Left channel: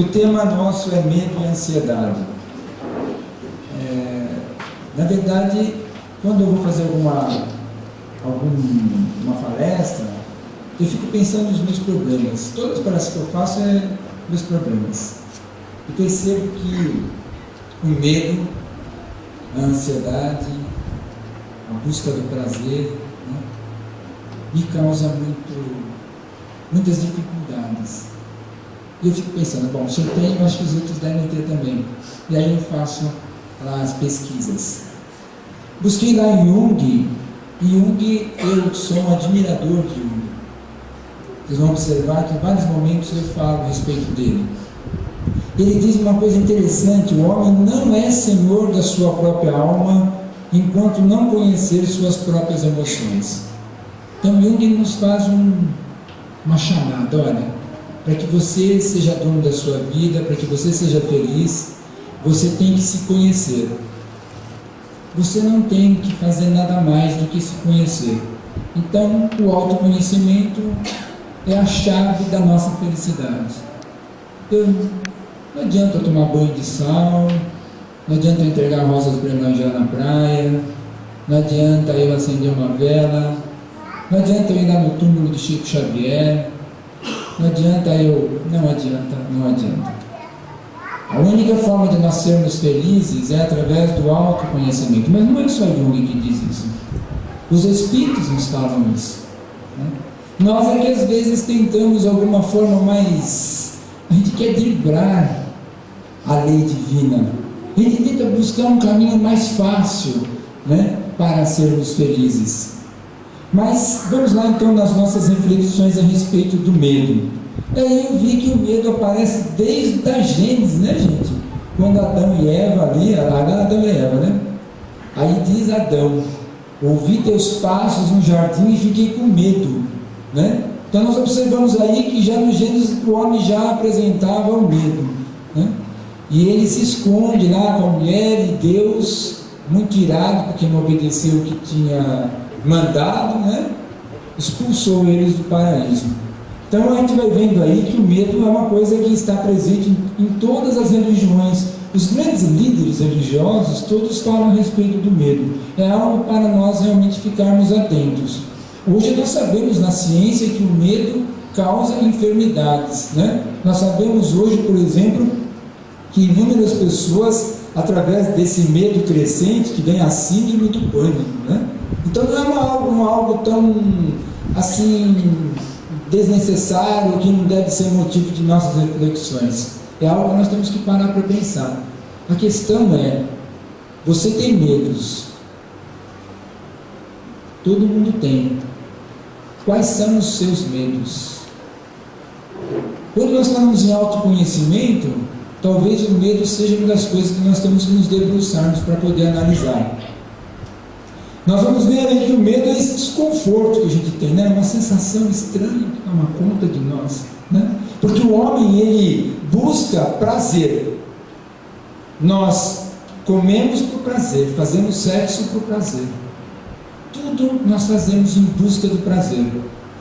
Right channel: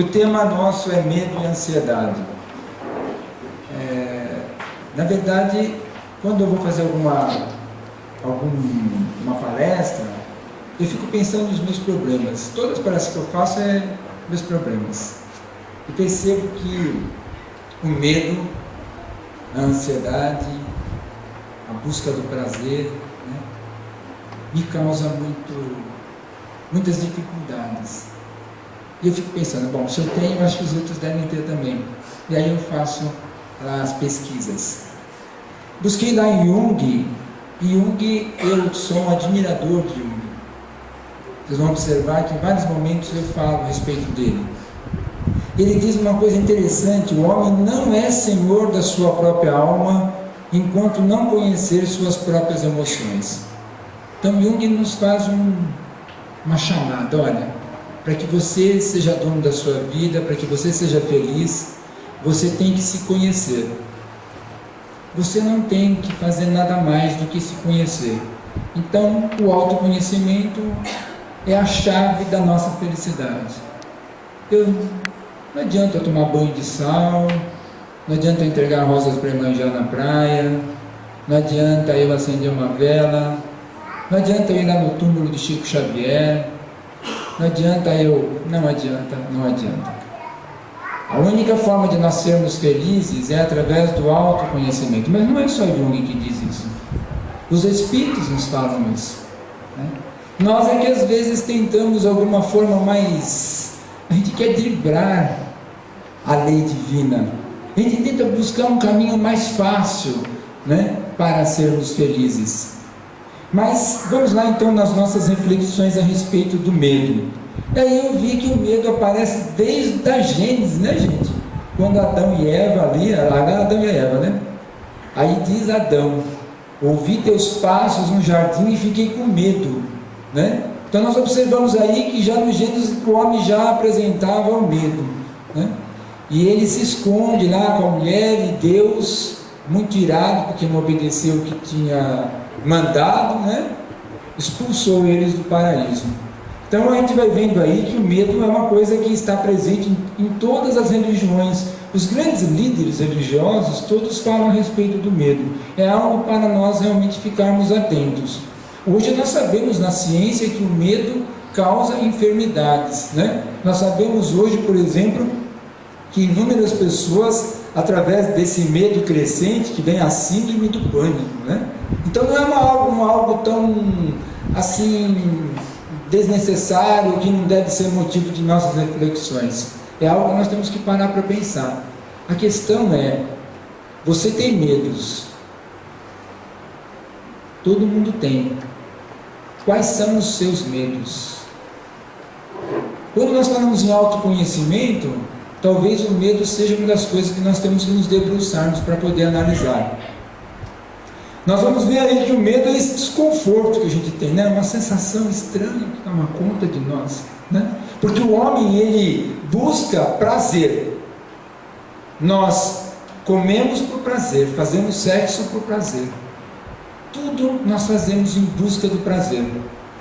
O tema nosso é medo e ansiedade. Na verdade, quando eu vou fazer alguma palestra, eu fico pensando nos meus problemas. Todas as palestras que eu faço é meus problemas. E percebo que o medo, a ansiedade, a busca do prazer, né, me causa muitas dificuldades. E eu fico pensando, bom, se eu tenho, acho que os outros devem ter também. E aí eu faço lá as pesquisas. Busquei lá em Jung, e Jung, eu sou um admirador de Jung. Vocês vão observar que em vários momentos eu falo a respeito dele. Ele diz uma coisa interessante: o homem não é senhor da sua própria alma enquanto não conhecer suas próprias emoções. Então Jung nos faz uma chamada: olha, para que você seja dono da sua vida, para que você seja feliz, você tem que se conhecer. Você não tem que fazer nada mais do que se conhecer. Então, o autoconhecimento é a chave da nossa felicidade. Não adianta eu tomar banho de sal, não adianta eu entregar rosas para Iemanjá na praia, não adianta eu acender uma vela, não adianta eu ir lá no túmulo de Chico Xavier, não adianta. A única forma de nós sermos felizes é através do autoconhecimento. Mas não é só Jung que diz isso. Os Espíritos nos falam isso, né? Nós é que às vezes tentamos alguma forma mais... A gente quer driblar a lei divina. A gente tenta buscar um caminho mais fácil, né, para sermos felizes. Mas vamos lá então nas nossas reflexões a respeito do medo. E aí eu vi que o medo aparece desde a Gênesis, né, gente? Quando Adão e Eva ali, Adão e Eva, né? Aí diz Adão: ouvi teus passos no jardim e fiquei com medo, né? Então nós observamos aí que já no Gênesis o homem já apresentava o medo, né? E ele se esconde lá com a mulher, e Deus, muito irado porque não obedeceu o que tinha mandado, né, expulsou eles do paraíso. Então a gente vai vendo aí que o medo é uma coisa que está presente em todas as religiões. Os grandes líderes religiosos todos falam a respeito do medo. É algo para nós realmente ficarmos atentos. Hoje nós sabemos na ciência que o medo causa enfermidades, né? Nós sabemos hoje, por exemplo, que inúmeras pessoas, através desse medo crescente, que vem a síndrome do pânico, né? Então não é algo tão assim desnecessário, que não deve ser motivo de nossas reflexões. É algo que nós temos que parar para pensar. A questão é: você tem medos? Todo mundo tem. Quais são os seus medos? Quando nós falamos em autoconhecimento, talvez o medo seja uma das coisas que nós temos que nos debruçarmos para poder analisar. Nós vamos ver aí que o medo é esse desconforto que a gente tem, né? Uma sensação estranha que toma conta de nós, né? Porque o homem, ele busca prazer. Nós comemos por prazer, fazemos sexo por prazer. Tudo nós fazemos em busca do prazer.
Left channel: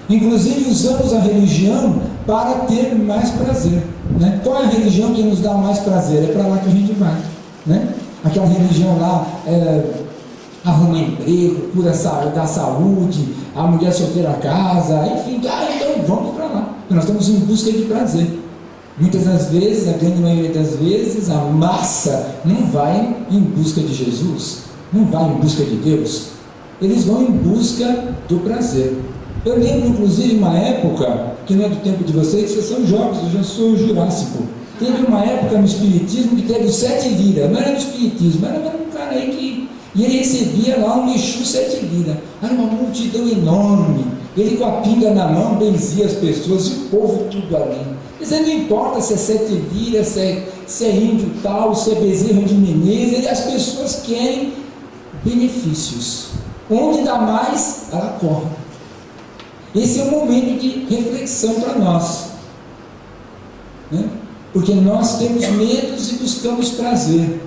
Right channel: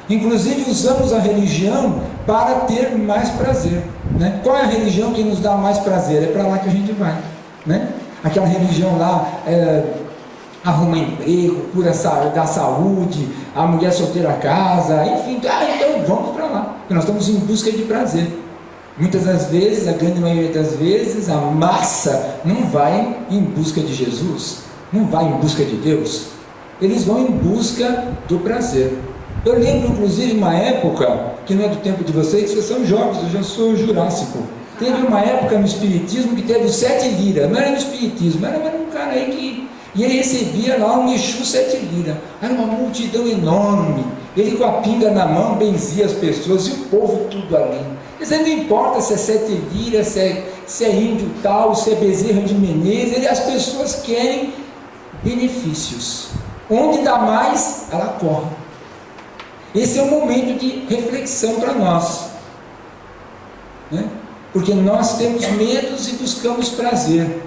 Inclusive usamos a religião para ter mais prazer, né? Qual é a religião que nos dá mais prazer? É para lá que a gente vai, né? Aquela religião lá arruma emprego, cura da saúde, a mulher solteira casa, enfim, então vamos para lá, porque nós estamos em busca de prazer. Muitas das vezes, a grande maioria das vezes, a massa não vai em busca de Jesus, não vai em busca de Deus, eles vão em busca do prazer. Eu lembro inclusive uma época, que não é do tempo de vocês são jovens, eu já sou jurássico. Teve uma época no Espiritismo que teve 7 liras, não era no Espiritismo, era um cara aí que... E ele recebia lá um Exu 7 liras, era uma multidão enorme, ele com a pinga na mão benzia as pessoas e o povo tudo ali. Mas não importa se é 7 liras, se é índio tal, se é Bezerra de Menezes, as pessoas querem benefícios. Onde dá mais, ela corre. Esse é um momento de reflexão para nós, né? Porque nós temos medos e buscamos prazer.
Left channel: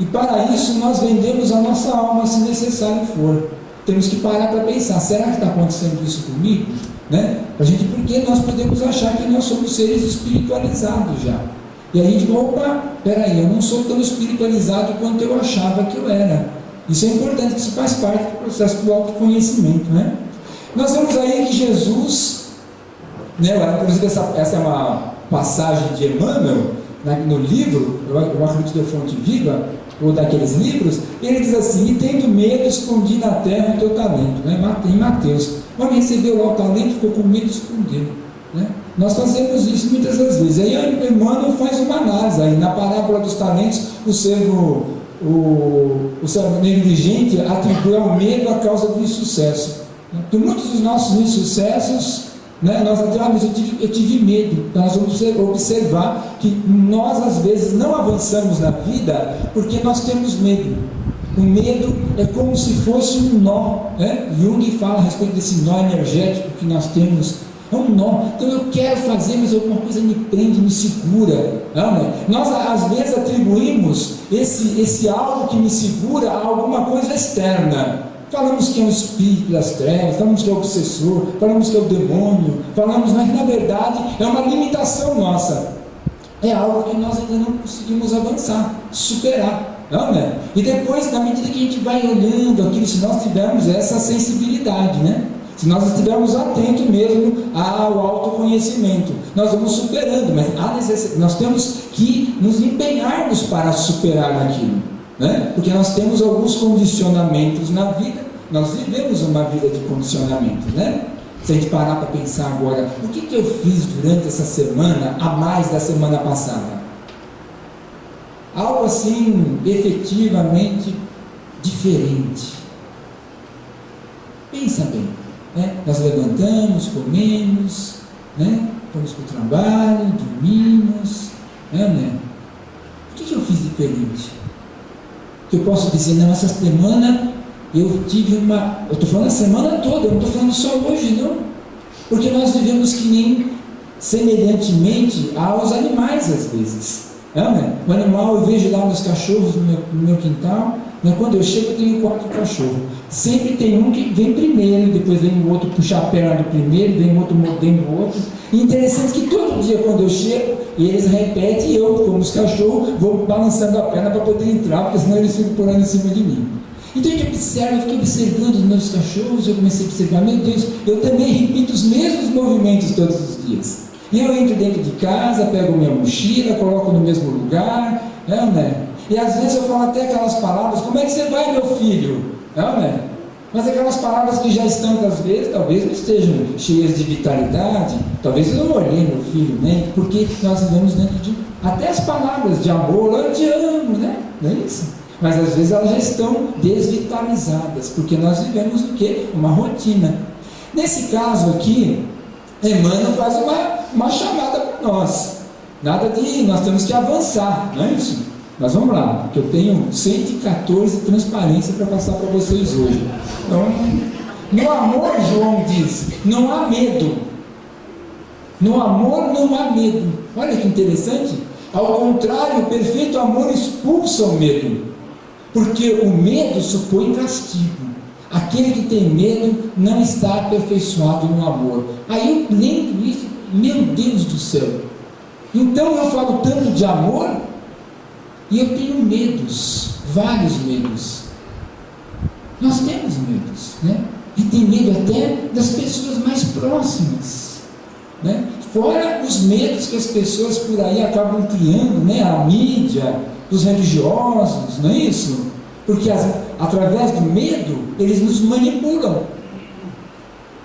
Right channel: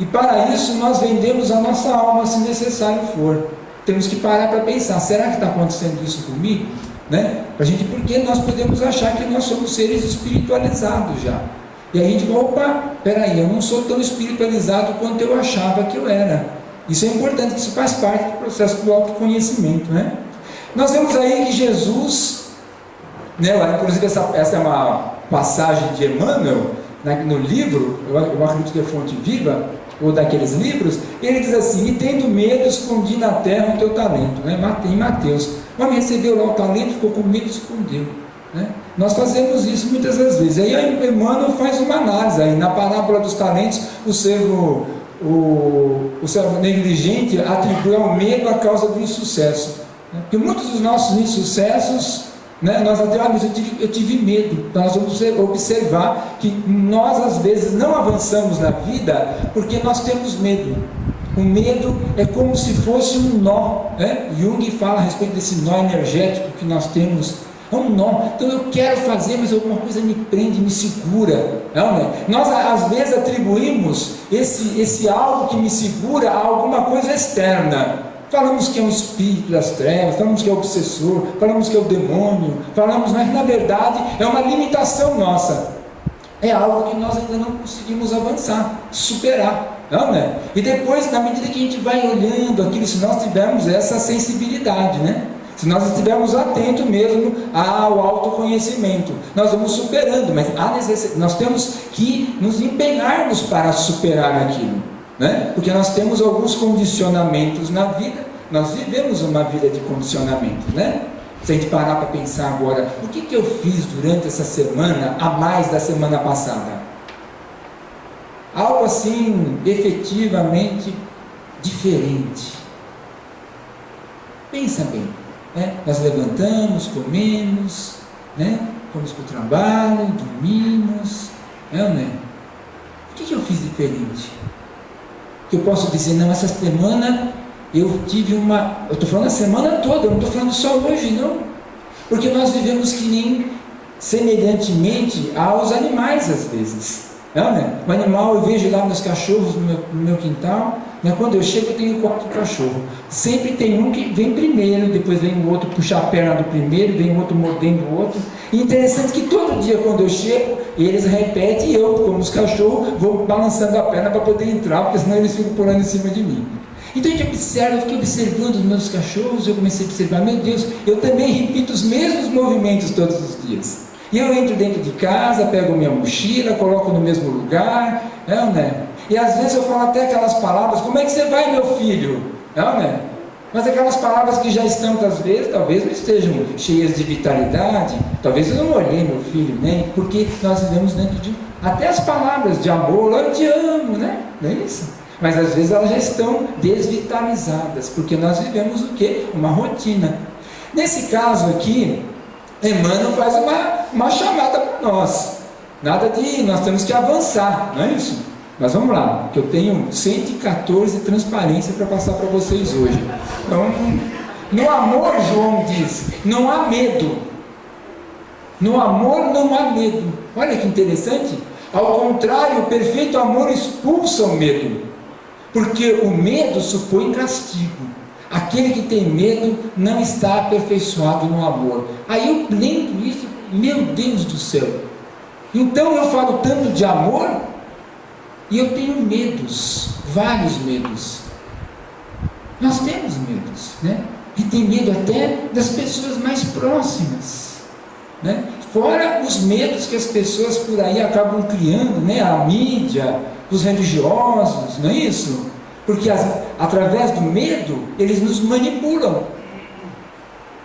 E para isso nós vendemos a nossa alma, se necessário for. Temos que parar para pensar: será que está acontecendo isso comigo? Né? Porque nós podemos achar que nós somos seres espiritualizados já. E aí a gente, opa, peraí, eu não sou tão espiritualizado quanto eu achava que eu era. Isso é importante, isso faz parte do processo do autoconhecimento, né? Nós vemos aí que Jesus, né, inclusive essa é uma passagem de Emmanuel, né, no livro, eu acredito que é Fonte Viva, ou daqueles livros, ele diz assim: e tendo medo, escondi na terra o teu talento, né? Em Mateus. O homem recebeu lá o talento, ficou com medo e escondeu, né? Nós fazemos isso muitas das vezes. Aí Emmanuel faz uma análise aí, na parábola dos talentos, o servo negligente atribui ao medo a causa do insucesso, né? Porque muitos dos nossos insucessos, né, nós até, mas eu tive medo. Então nós vamos observar que nós às vezes não avançamos na vida porque nós temos medo. O medo é como se fosse um nó, né? Jung fala a respeito desse nó energético que nós temos. É um nó. Então eu quero fazer, mas alguma coisa me prende, me segura, não é? Nós às vezes atribuímos esse algo que me segura a alguma coisa externa. Falamos que é um espírito das trevas, falamos que é o obsessor, falamos que é o demônio, falamos, mas na verdade é uma limitação nossa. É algo que nós ainda não conseguimos avançar, superar, não é? E depois, na medida que a gente vai olhando aquilo, se nós tivermos essa sensibilidade, né? Se nós estivermos atentos mesmo ao autoconhecimento, nós vamos superando, mas nós temos que nos empenharmos para superar aquilo, né? Porque nós temos alguns condicionamentos na vida, nós vivemos uma vida de condicionamentos, né? Se a gente parar para pensar agora, o que eu fiz durante essa semana, a mais da semana passada? Algo assim, efetivamente diferente. Pensa bem, né? Nós levantamos, comemos, né? Fomos para o trabalho, dormimos, né? O que eu fiz diferente? Que eu posso dizer, não, essa semana eu tive eu estou falando a semana toda, eu não estou falando só hoje, não, porque nós vivemos que nem semelhantemente aos animais às vezes, não, né? O animal, eu vejo lá meus cachorros no meu quintal, né? Quando eu chego eu tenho 4 cachorros, sempre tem um que vem primeiro, depois vem o outro puxar a perna do primeiro, vem o outro mordendo o outro, e interessante que todo dia quando eu chego, eles repetem e eu, como os cachorros, vou balançando a perna para poder entrar, porque senão eles ficam pulando em cima de mim. Então a gente observa, eu fiquei observando os meus cachorros, eu comecei a observar, meu Deus, eu também repito os mesmos movimentos todos os dias. E eu entro dentro de casa, pego minha mochila, coloco no mesmo lugar, né? E às vezes eu falo até aquelas palavras, como é que você vai, meu filho? Né? Mas aquelas palavras que já estão, às vezes, talvez não estejam cheias de vitalidade, talvez eu não olhei meu filho, né? Porque nós vivemos dentro de, até as palavras de amor, eu te amo, né? Não é isso? Mas às vezes elas já estão desvitalizadas, porque nós vivemos o quê? Uma rotina. Nesse caso aqui, Emmanuel faz uma chamada para nós. Nada de, nós temos que avançar, não é isso? Mas vamos lá, que eu tenho 114 transparências para passar para vocês hoje. Então, no amor, João diz, não há medo. No amor não há medo. Olha que interessante. Ao contrário, o perfeito amor expulsa o medo. Porque o medo supõe castigo. Aquele que tem medo não está aperfeiçoado no amor. Aí eu lembro isso, meu Deus do céu. Então eu falo tanto de amor e eu tenho medos, vários medos. Nós temos medos, né? E tem medo até das pessoas mais próximas, né? Fora os medos que as pessoas por aí acabam criando, né? A mídia, os religiosos, não é isso? Porque através do medo, eles nos manipulam.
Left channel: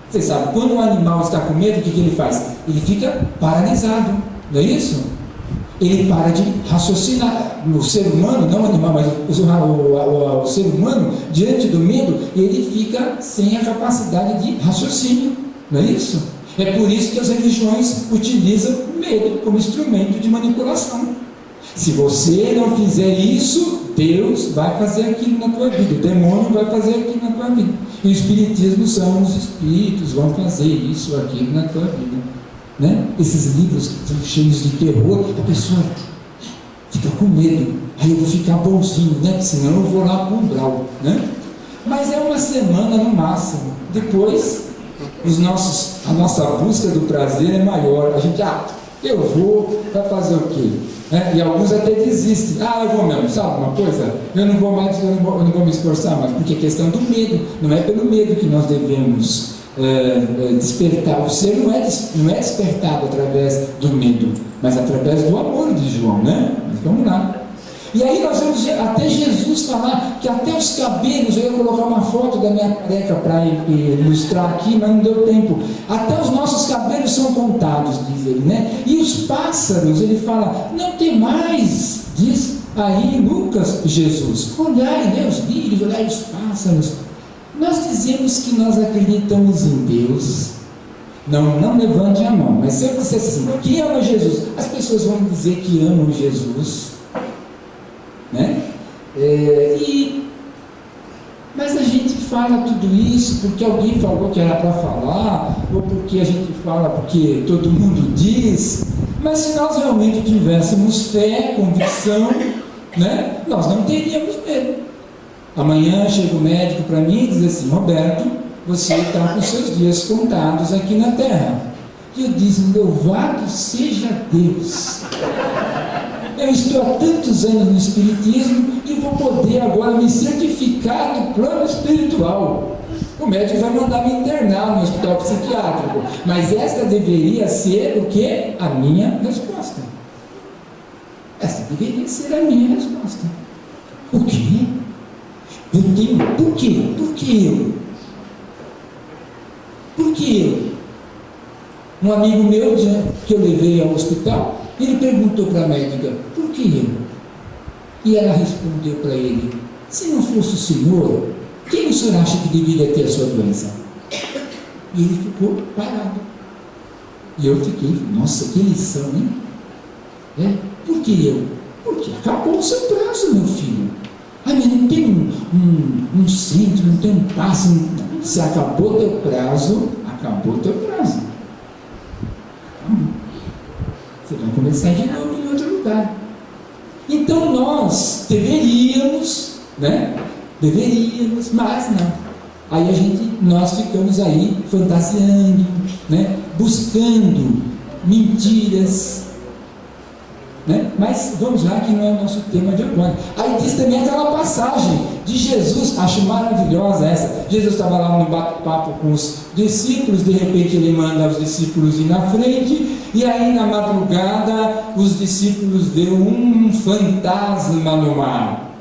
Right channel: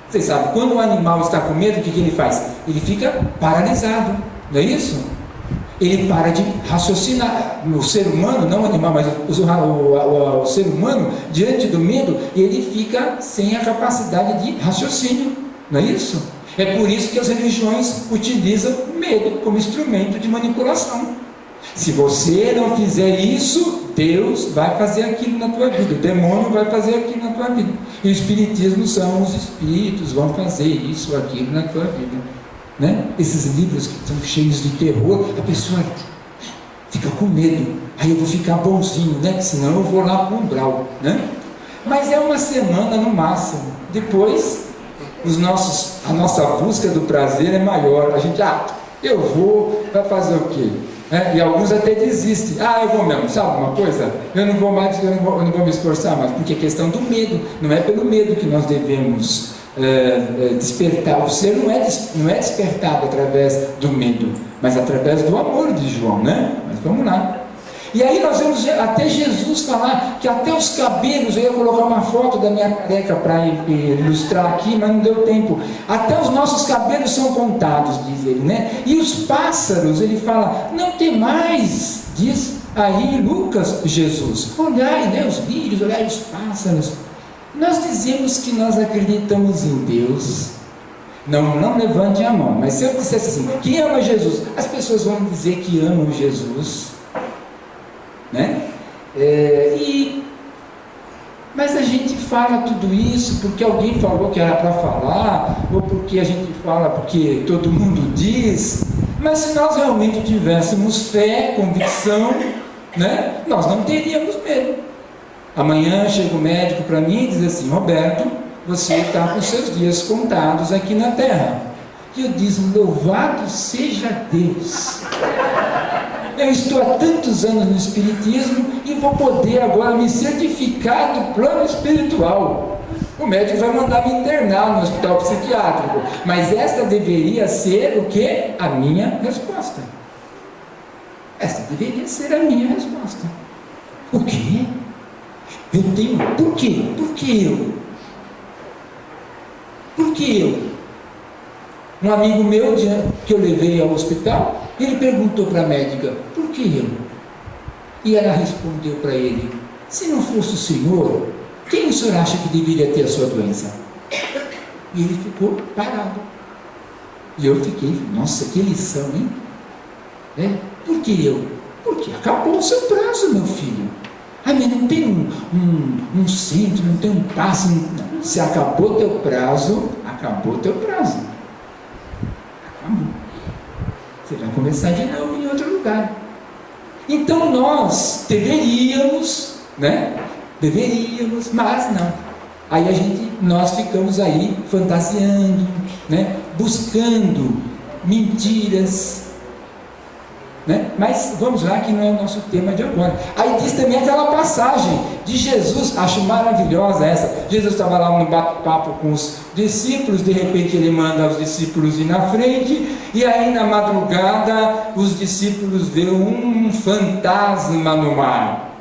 Vocês sabem, quando o animal está com medo, o que ele faz? Ele fica paralisado, não é isso? Ele para de raciocinar. O ser humano, não o animal, mas o ser humano, diante do medo, ele fica sem a capacidade de raciocínio, não é isso? É por isso que as religiões utilizam o medo como instrumento de manipulação. Se você não fizer isso, Deus vai fazer aquilo na tua vida, o demônio vai fazer aquilo na tua vida. E o espiritismo são os espíritos, vão fazer isso, aquilo na tua vida, né? Esses livros que são cheios de terror, a pessoa fica com medo, aí eu vou ficar bonzinho, né? Senão eu vou lá para o umbral, né? Mas é uma semana no máximo, depois a nossa busca do prazer é maior, a gente, Eu vou, vai fazer o quê? E alguns até desistem. Eu vou mesmo, sabe uma coisa? Eu não vou mais, eu não vou me esforçar mais, porque é questão do medo. Não é pelo medo que nós devemos despertar. O ser não é despertado através do medo, mas através do amor de João, né? Mas vamos lá. E aí nós vemos até Jesus falar que até os cabelos, eu ia colocar uma foto da minha careca para ilustrar aqui, mas não deu tempo. Até os nossos cabelos são contados, diz ele, né? E os pássaros, ele fala, não tem mais, diz aí Lucas, Jesus. Olhai, né, os lírios, olhai os pássaros. Nós dizemos que nós acreditamos em Deus. Não levante a mão, mas se eu dissesse assim, quem ama Jesus? As pessoas vão dizer que amam Jesus. Né? Mas a gente fala tudo isso porque alguém falou que era para falar, ou porque a gente fala porque todo mundo diz. Mas se nós realmente tivéssemos fé, convicção, né, nós não teríamos medo. Amanhã chega o médico para mim e diz assim, Roberto, você está com seus dias contados aqui na terra. E eu disse, louvado seja Deus. Eu estou há tantos anos no Espiritismo e vou poder agora me certificar do plano espiritual. O médico vai mandar me internar no hospital psiquiátrico, mas esta deveria ser o quê? A minha resposta. Esta deveria ser a minha resposta. O quê? Eu tenho... Por quê? Por que eu? Por que eu? Um amigo meu, que eu levei ao hospital, ele perguntou para a médica, por que eu? E ela respondeu para ele, se não fosse o senhor, quem o senhor acha que deveria ter a sua doença? E ele ficou parado. E eu fiquei, nossa, que lição, hein? Por que eu? Porque acabou o seu prazo, meu filho. Mas não tem um centro, não tem um passe. Se acabou teu prazo, acabou teu prazo. Você vai começar de novo em outro lugar. Então nós deveríamos, né? Deveríamos, mas não. Aí nós ficamos aí fantasiando, né? Buscando mentiras, né? Mas vamos lá, que não é o nosso tema de agora. Aí diz também aquela passagem de Jesus, acho maravilhosa essa. Jesus estava lá no bate-papo com os discípulos, de repente ele manda os discípulos ir na frente, e aí na madrugada os discípulos veem um fantasma no mar,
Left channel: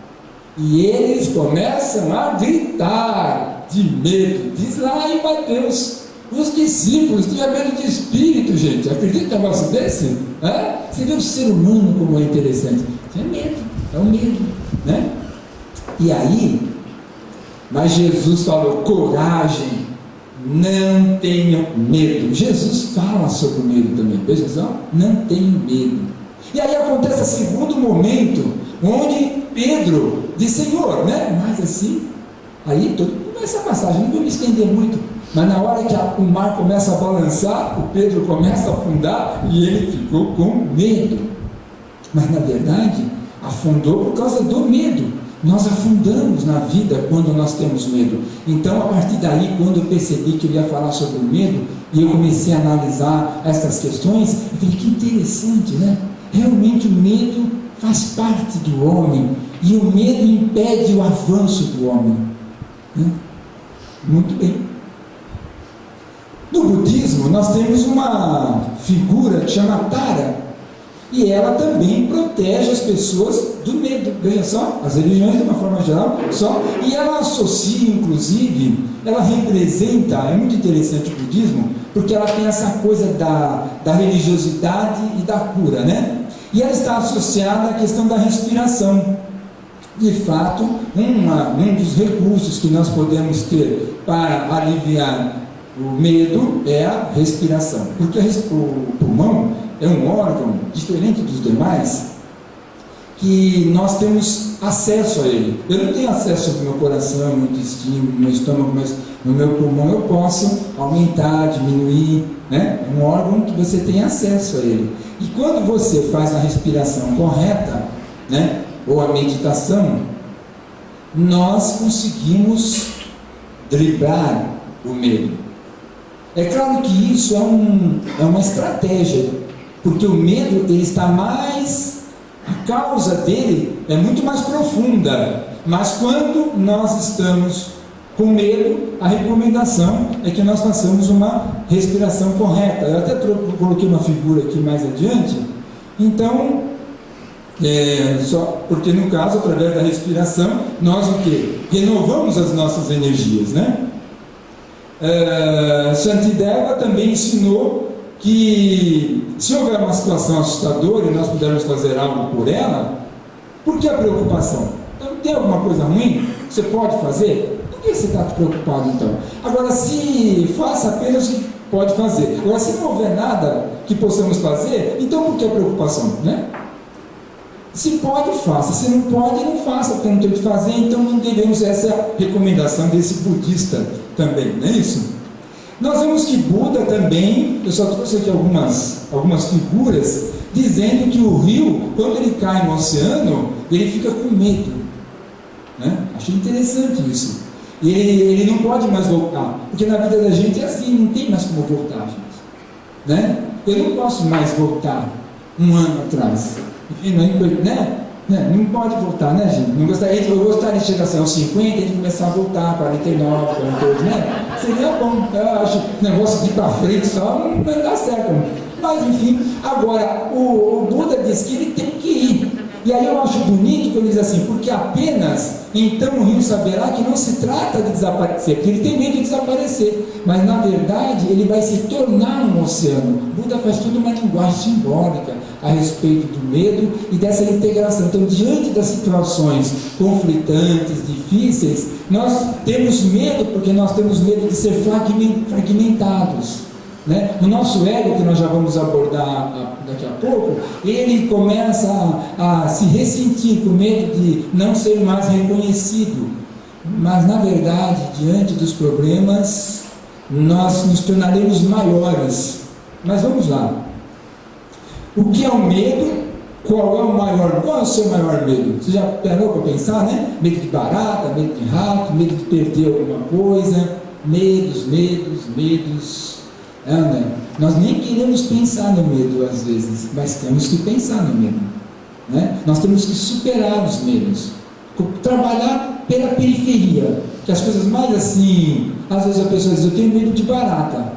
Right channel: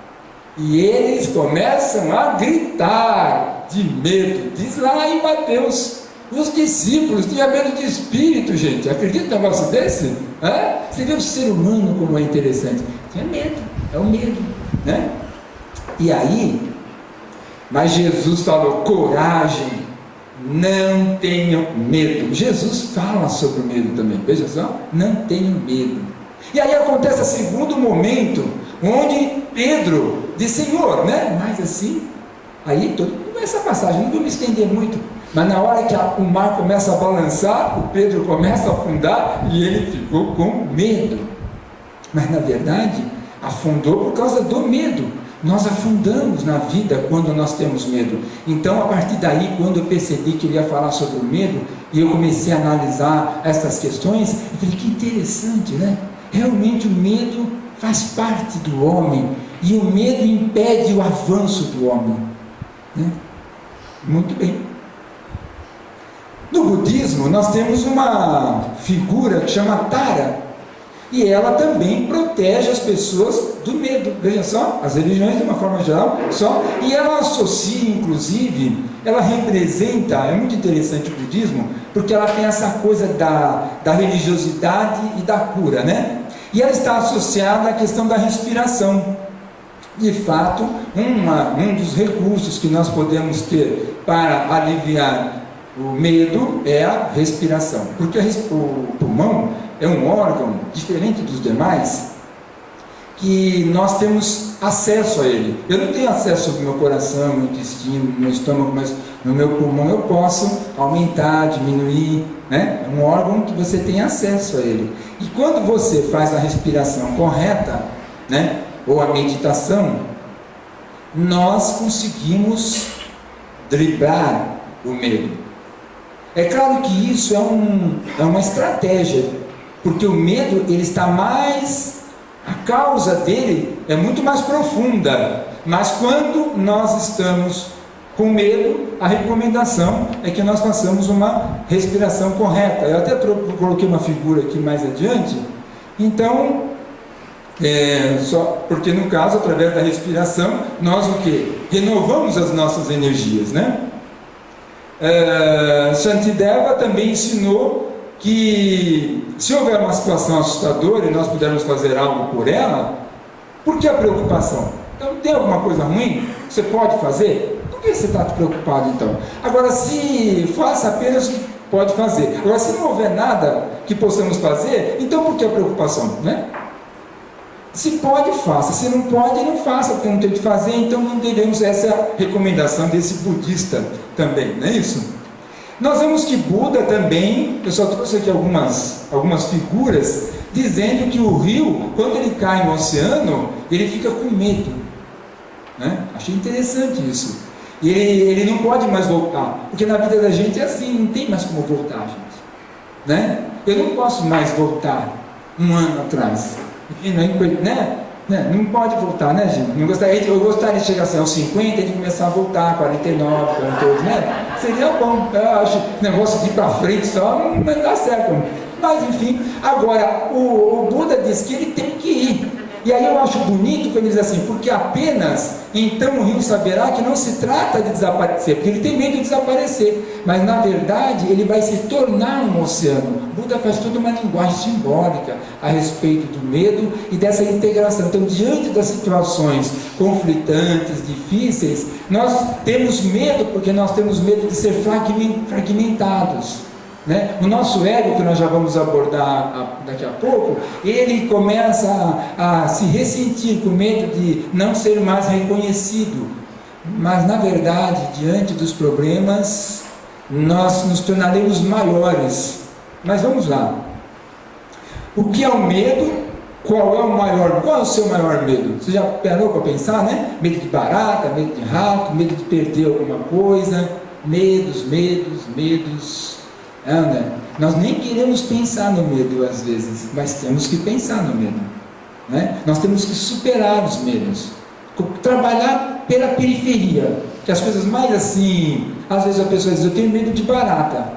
e eles começam a gritar de medo. Diz lá em Mateus, os discípulos tinham medo de espírito, gente. Acredita num negócio desse? Você vê o ser humano como é interessante. Tinha medo, é o medo, né? E aí, mas Jesus falou, coragem, não tenham medo. Jesus fala sobre o medo também, veja só, não tenham medo. E aí acontece o segundo momento, onde Pedro diz, Senhor, né? Mas assim, aí essa passagem, não vou me estender muito, mas na hora que o mar começa a balançar, o Pedro começa a afundar e ele ficou com medo. Mas na verdade, afundou por causa do medo. Nós afundamos na vida quando nós temos medo. Então, a partir daí, quando eu percebi que eu ia falar sobre o medo, e eu comecei a analisar essas questões, eu falei, que interessante, né? Realmente o medo faz parte do homem, e o medo impede o avanço do homem, né? Muito bem. No budismo, nós temos uma figura que chama Tara, e ela também protege as pessoas do medo. Veja só, as religiões de uma forma geral, e ela associa, inclusive, ela representa, é muito interessante o budismo, porque ela tem essa coisa da religiosidade e da cura, né? E ela está associada à questão da respiração. De fato, um dos recursos que nós podemos ter para aliviar o medo é a respiração, porque o pulmão é um órgão diferente dos demais, que nós temos acesso a ele. Eu não tenho acesso ao meu coração, meu intestino, meu estômago, mas no meu pulmão eu posso aumentar, diminuir, né? É um órgão que você tem acesso a ele. E quando você faz a respiração correta, né? Ou a meditação, nós conseguimos driblar o medo. É claro que isso é uma estratégia Porque o medo, ele está mais, a causa dele é muito mais profunda. Mas quando nós estamos com medo, a recomendação é que nós façamos uma respiração correta. Eu até coloquei uma figura aqui mais adiante. Então, só porque no caso, através da respiração, nós o quê? Renovamos as nossas energias, né? Shantideva também ensinou que se houver uma situação assustadora e nós pudermos fazer algo por ela, por que a preocupação? Então, tem alguma coisa ruim que você pode fazer? Por que você está preocupado então? Agora, se faça apenas o que pode fazer. Agora, se não houver nada que possamos fazer, então por que a preocupação, né? Se pode, faça. Se não pode, não faça, porque não tem o que fazer, então não devemos. Essa é a recomendação desse budista também, não é isso? Nós vemos que Buda também, eu só trouxe aqui algumas figuras, dizendo que o rio, quando ele cai no oceano, ele fica com medo, né? Achei interessante isso. E ele não pode mais voltar, porque na vida da gente é assim, não tem mais como voltar, gente, né? Eu não posso mais voltar um ano atrás, né? Não pode voltar, né, gente? Eu gostaria de chegar assim, aos 50 e começar a voltar, 49, 48, né? Seria bom, eu acho. Negócio de ir para frente só não dá certo. Mas enfim, agora, o Buda diz que ele tem que ir. E aí eu acho bonito que ele diz assim, porque apenas então o rio saberá que não se trata de desaparecer, porque ele tem medo de desaparecer, mas na verdade ele vai se tornar um oceano. Buda faz toda uma linguagem simbólica a respeito do medo e dessa integração. Então, diante das situações conflitantes, difíceis, nós temos medo, porque nós temos medo de ser fragmentados, né? O nosso ego, que nós já vamos abordar daqui a pouco, ele começa a se ressentir com medo de não ser mais reconhecido. Mas na verdade, diante dos problemas, nós nos tornaremos maiores. Mas vamos lá. O que é o medo? Qual é o seu maior medo? Você já parou para pensar, né? Medo de barata, medo de rato, medo de perder alguma coisa, medos. Nós nem queremos pensar no medo às vezes, mas temos que pensar no medo, né? Nós temos que superar os medos, trabalhar pela periferia, que as coisas mais assim, às vezes a pessoa diz, eu tenho medo de barata.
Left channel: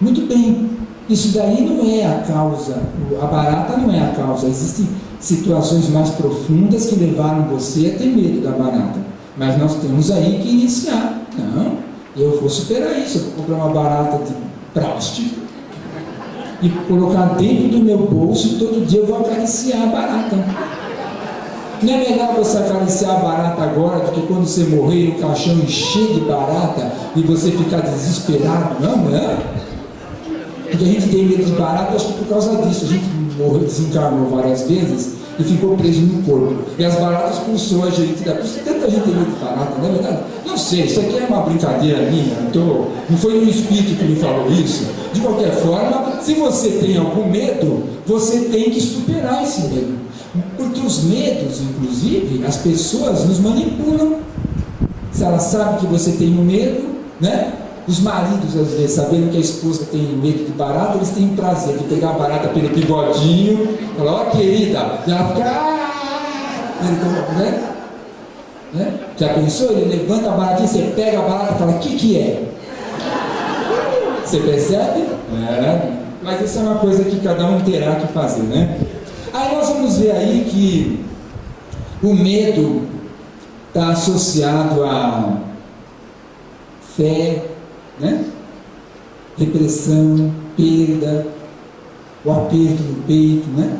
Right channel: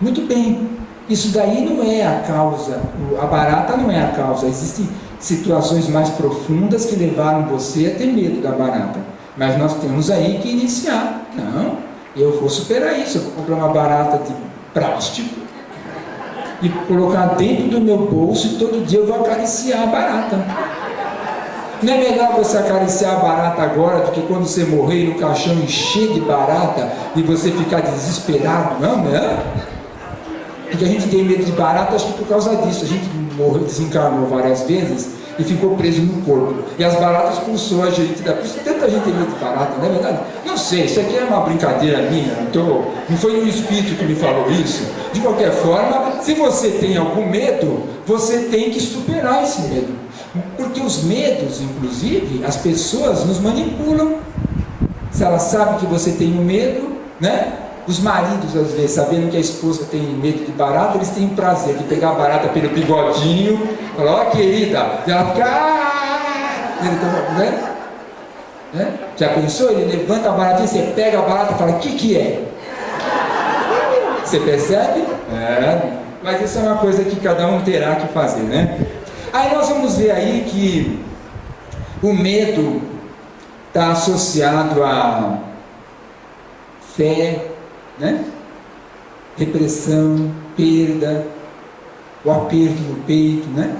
Muito bem, isso daí não é a causa, a barata não é a causa, existem situações mais profundas que levaram você a ter medo da barata, mas nós temos aí que iniciar. Não, eu vou superar isso, eu vou comprar uma barata de plástico e colocar dentro do meu bolso e todo dia eu vou acariciar a barata. Não é melhor você acariciar a barata agora do que quando você morrer no caixão encher de barata e você ficar desesperado? Não, né? Porque a gente tem medo de barata, acho que por causa disso. A gente desencarnou várias vezes e ficou preso no corpo. E as baratas expulsou a gente da... Por isso tanta gente tem medo de barata, não é verdade? Não sei, isso aqui é uma brincadeira minha, não foi um espírito que me falou isso. De qualquer forma, se você tem algum medo, você tem que superar esse medo. Porque os medos, inclusive, as pessoas nos manipulam. Se ela sabe que você tem um medo, né? Os maridos, às vezes, sabendo que a esposa tem medo de barata, eles têm o prazer de pegar a barata pelo bigodinho, falar, ó querida, e ela fica, né? Já pensou? Ele levanta a baratinha, você pega a barata e fala, o que é? Você percebe? Mas isso é uma coisa que cada um terá que fazer, né? Aí nós vamos ver aí que o medo está associado a fé, né? Repressão, perda, o aperto no peito, né?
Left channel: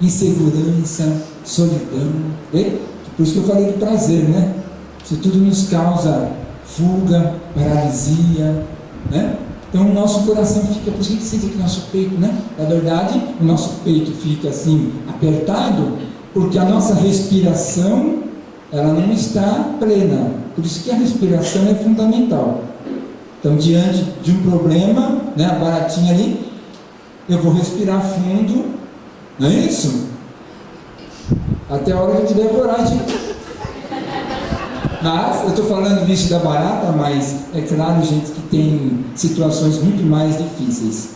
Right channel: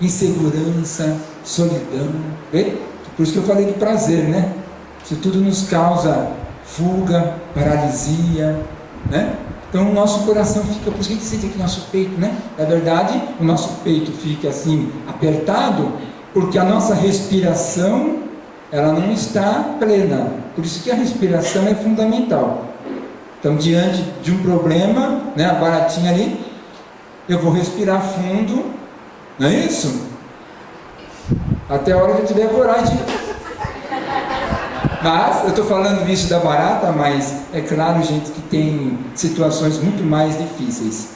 Insegurança, solidão. Por isso que eu falei do prazer, né? Isso tudo nos causa fuga, paralisia, né? Então o nosso coração fica, por isso que a gente sente aqui nosso peito, né? Na verdade, o nosso peito fica assim, apertado, porque a nossa respiração, ela não está plena. Por isso que a respiração é fundamental. Então, diante de um problema, né, a baratinha ali, eu vou respirar fundo, não é isso? Até a hora que eu tiver coragem. Mas, eu estou falando isso da barata, mas é claro, gente, que tem situações muito mais difíceis.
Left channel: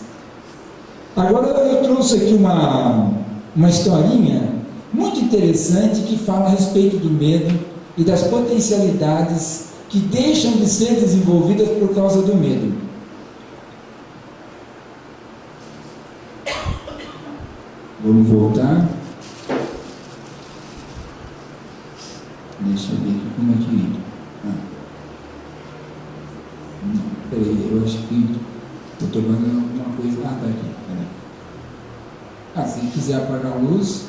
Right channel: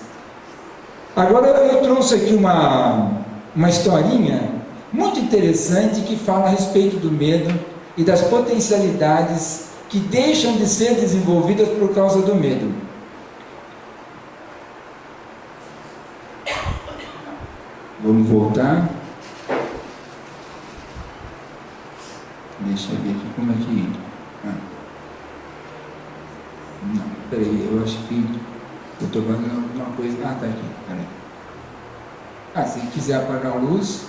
Agora eu trouxe aqui uma historinha muito interessante que fala a respeito do medo e das potencialidades que deixam de ser desenvolvidas por causa do medo. Vamos voltar. Deixa eu ver aqui como é que... Não, peraí, eu acho que eu estou fazendo alguma coisa... tá aqui, peraí. Se quiser apagar a luz...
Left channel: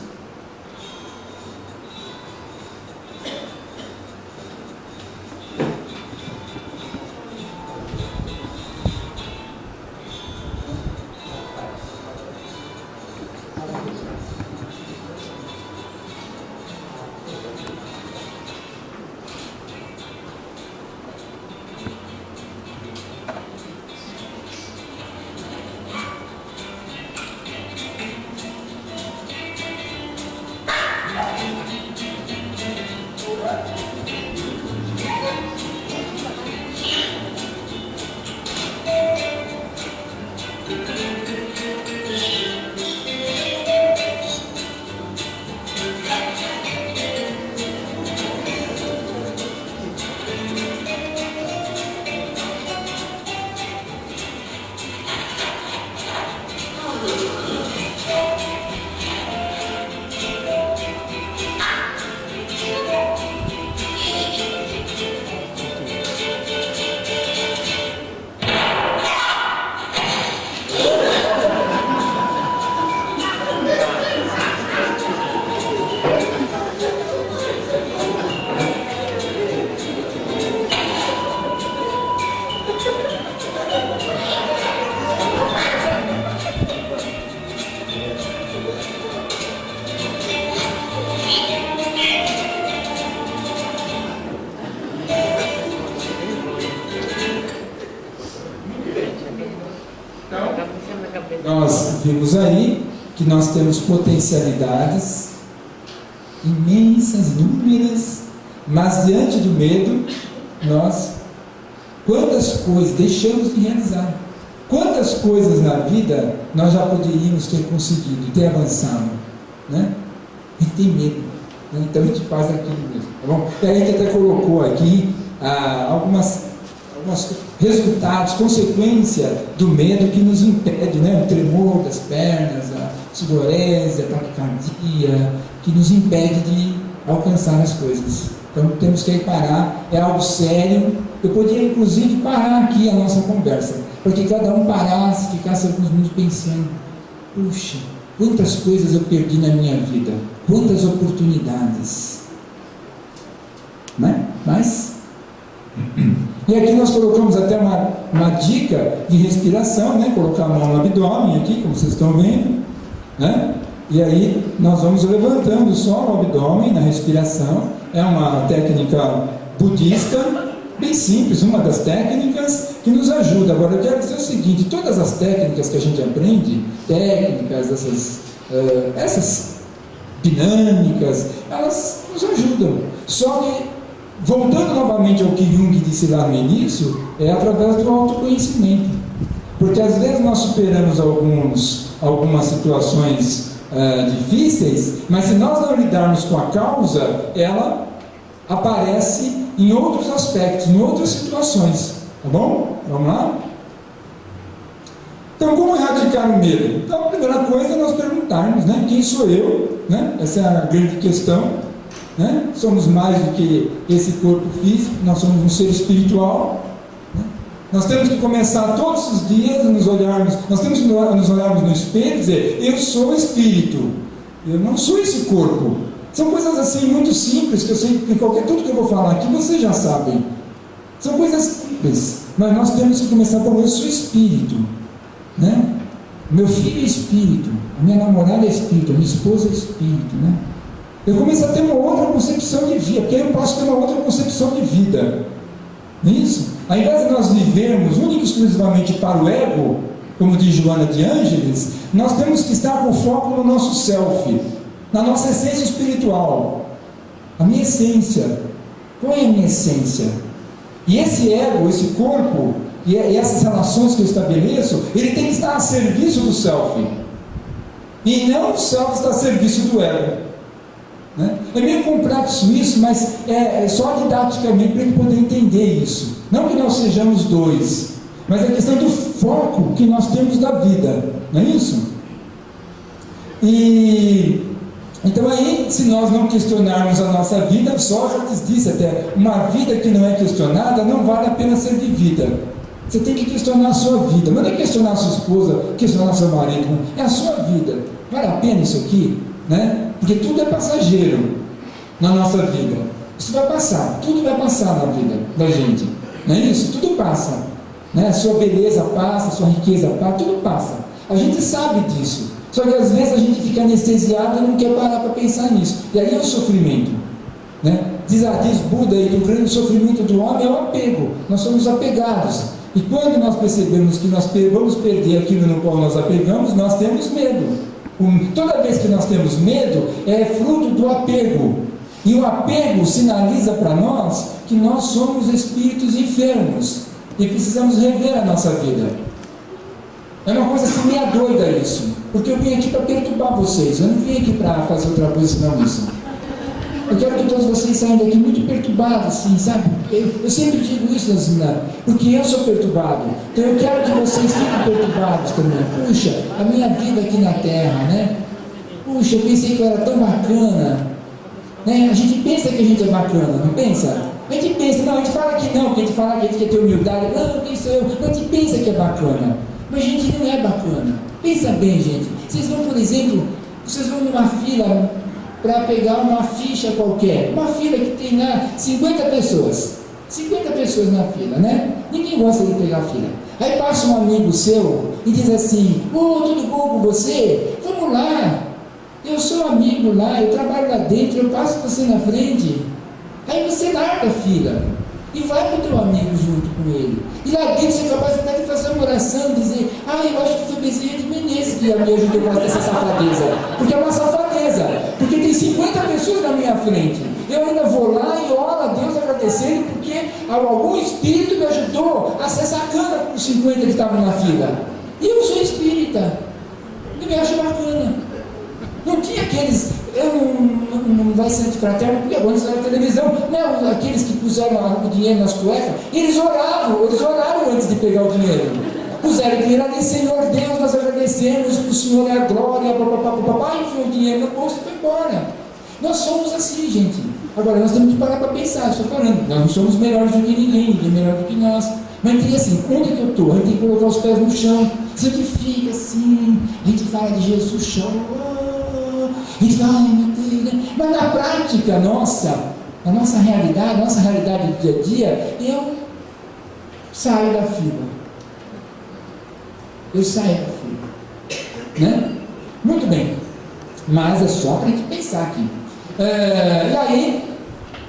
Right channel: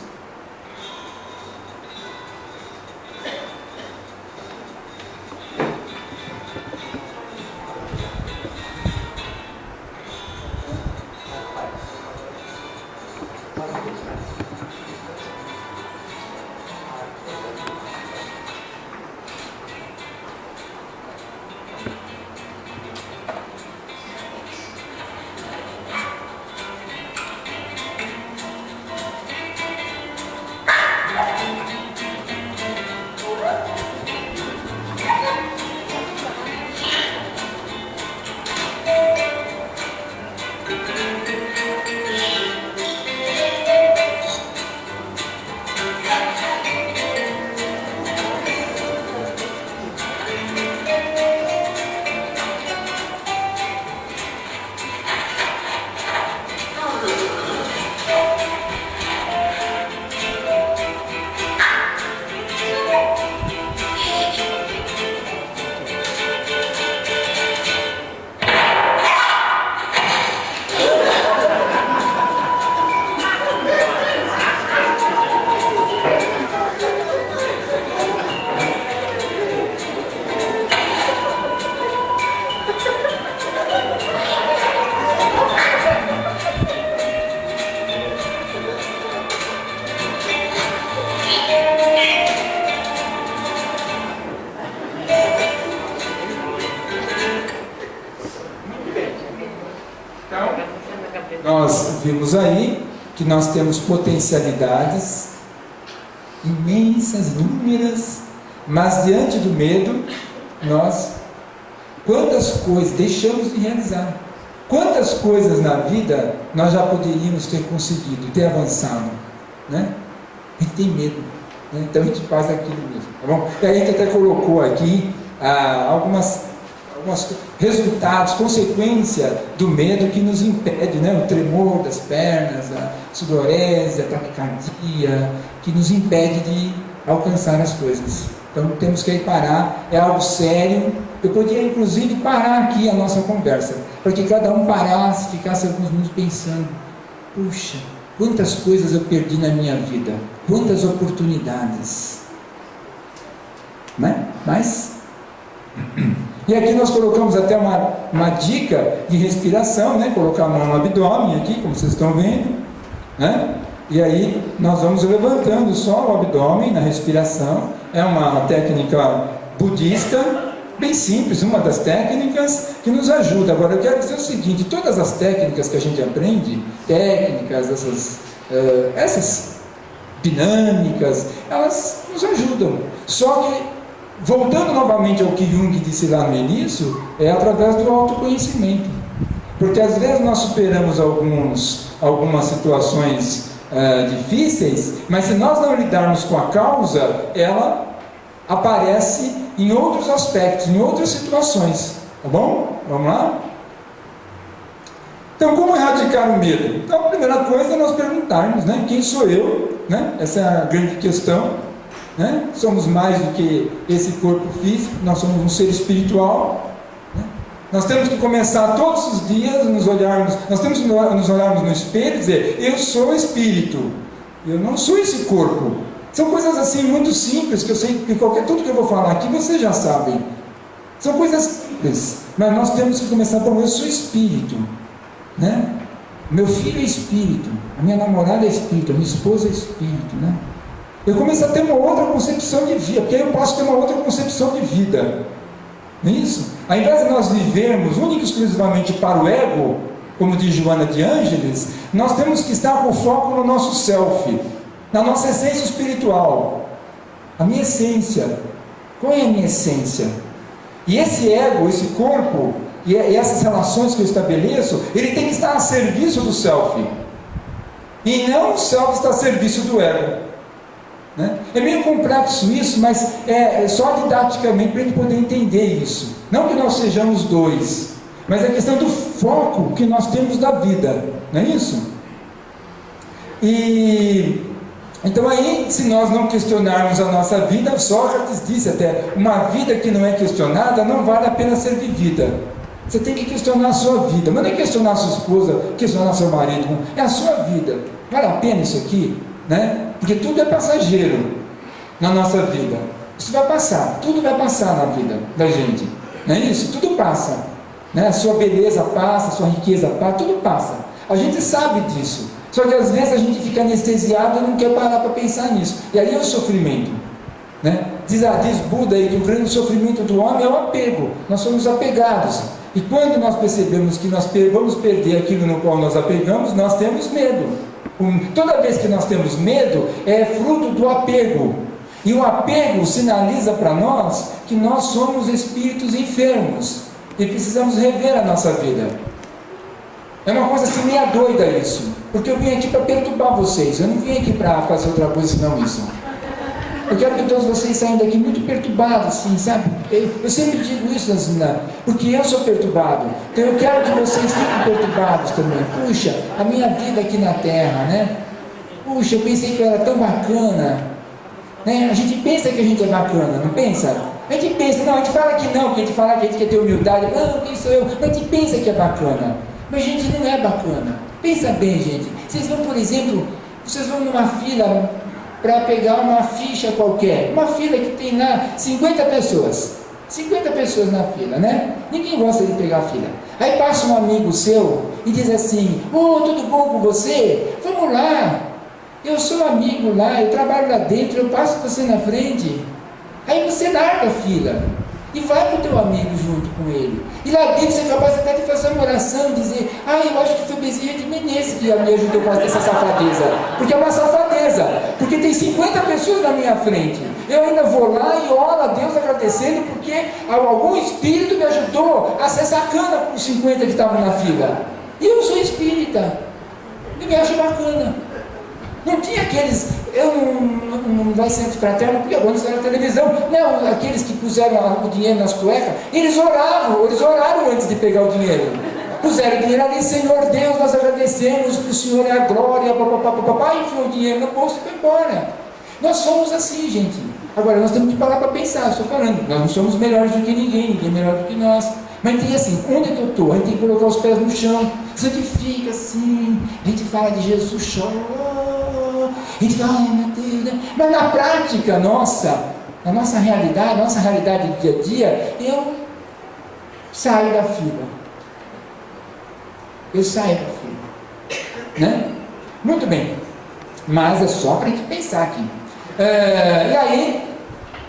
Nós vimos aí que nós temos potencialidades imensas, inúmeras, mas diante do medo, quantas coisas deixamos de realizar, quantas coisas na vida nós já poderíamos ter conseguido e ter avançado, né? A gente tem medo, né? Então a gente faz aquilo mesmo, tá bom? E a gente até colocou aqui alguns resultados, consequência do medo que nos impede, né? O tremor das pernas, a sudorese, a taquicardia, que nos impede de alcançar as coisas. Então temos que parar, é algo sério. Eu podia inclusive parar aqui a nossa conversa, para que cada um parasse, ficasse alguns minutos pensando: puxa, quantas coisas eu perdi na minha vida, quantas oportunidades, né? Mas e aqui nós colocamos até uma dica de respiração, né? Colocar a mão no abdômen aqui, como vocês estão vendo, né? E aí nós vamos levantando só o abdômen na respiração. É uma técnica budista, bem simples, uma das técnicas que nos ajuda. Agora eu quero dizer o seguinte: todas as técnicas que a gente aprende, essas dinâmicas, elas nos ajudam. Só que, voltando novamente ao que Jung disse lá no início, é através do autoconhecimento. Porque às vezes nós superamos algumas situações difíceis, mas se nós não lidarmos com a causa, ela aparece em outros aspectos, em outras situações. Tá bom? Vamos lá? Então, como erradicar o medo? Então, a primeira coisa é nós perguntarmos, né? Quem sou eu? Né? Essa é a grande questão. Né? Somos mais do que esse corpo físico, nós somos um ser espiritual. Né? Nós temos que começar todos os dias a nos olharmos, nós temos que nos olharmos no espelho e dizer: eu sou espírito, eu não sou esse corpo. São coisas assim muito simples, que eu sei que tudo que eu vou falar aqui vocês já sabem. São coisas simples, mas nós temos que começar por: eu sou espírito, né? Meu filho é espírito, a minha namorada é espírito, a minha esposa é espírito, né? Eu começo a ter uma outra concepção de vida, porque aí eu posso ter uma outra concepção de vida. Não é isso? Ao invés de nós vivermos única e exclusivamente para o ego, como diz Joana de Ângeles, nós temos que estar com foco no nosso self, na nossa essência espiritual. A minha essência. Qual é a minha essência? E esse ego, esse corpo, e essas relações que eu estabeleço, ele tem que estar a serviço do self, e não o self está a serviço do ego, né? É meio complexo isso, mas é só didaticamente para a gente poder entender isso. Não que nós sejamos dois, mas a questão do foco que nós temos da vida, não é isso? E então aí, se nós não questionarmos a nossa vida, Sócrates disse até, uma vida que não é questionada não vale a pena ser vivida. Você tem que questionar a sua vida, mas não é questionar a sua esposa, questionar seu marido, é a sua vida. Vale a pena isso aqui? Né? Porque tudo é passageiro na nossa vida. Isso vai passar, tudo vai passar na vida da gente, não é isso? Tudo passa, né? A sua beleza passa, a sua riqueza passa, tudo passa. A gente sabe disso, só que às vezes a gente fica anestesiado e não quer parar para pensar nisso, e aí é o sofrimento, né? Diz Buda aí que o grande sofrimento do homem é o apego. Nós somos apegados, e quando nós percebemos que nós vamos perder aquilo no qual nós apegamos, nós temos medo. Toda vez que nós temos medo, é fruto do apego, e o apego sinaliza para nós que nós somos espíritos enfermos e precisamos rever a nossa vida. É uma coisa assim meia doida isso, porque eu vim aqui para perturbar vocês, eu não vim aqui para fazer outra coisa senão isso. Eu quero que todos vocês saiam daqui muito perturbados, assim, sabe? Eu sempre digo isso, porque eu sou perturbado. Então eu quero que vocês fiquem perturbados também. Puxa, a minha vida aqui na Terra, né? Puxa, eu pensei que eu era tão bacana, né? A gente pensa que a gente é bacana, não pensa? A gente pensa, não, a gente fala que não, porque a gente fala que a gente quer ter humildade. Não, quem sou eu? A gente pensa que é bacana, mas a gente não é bacana. Pensa bem, gente. Vocês vão, por exemplo, vocês vão numa fila para pegar uma ficha qualquer, uma fila que tem lá 50 pessoas na fila, né? Ninguém gosta de pegar a fila. Aí passa um amigo seu e diz assim: tudo bom com você? Vamos lá, eu sou amigo lá, eu trabalho lá dentro, eu passo você na frente. Aí você larga a fila e vai com o teu amigo junto com ele, e lá dentro você é capaz até de fazer uma oração, dizer: eu acho que foi Bezerra de Menezes que me ajudou a fazer essa safadeza, porque é uma safadeza, porque tem 50 pessoas na minha frente, eu ainda vou lá e oro a Deus agradecendo, porque algum espírito me ajudou a ser sacana com os 50 que estavam na fila, e eu sou espírita, e me acho bacana. Não tinha aqueles, não vai ser antifraterno, porque agora está na televisão, não, aqueles que puseram o dinheiro nas cuecas, eles oraram antes de pegar o dinheiro, puseram o dinheiro ali: Senhor Deus, nós agradecemos, que o Senhor é a glória, papai, enfiou o dinheiro no bolso e foi embora. Nós somos assim, gente. Agora nós temos que parar para pensar, estou falando, nós não somos melhores do que ninguém é melhor do que nós, mas tem assim, onde que eu estou? A gente tem que colocar os pés no chão, santifica assim, a gente fala de Jesus, chora, a gente fala, ai meu Deus, né? Mas na prática nossa, na nossa realidade do dia a dia, eu saio da fila, né? Muito bem, mas é só para a gente pensar aqui. E aí,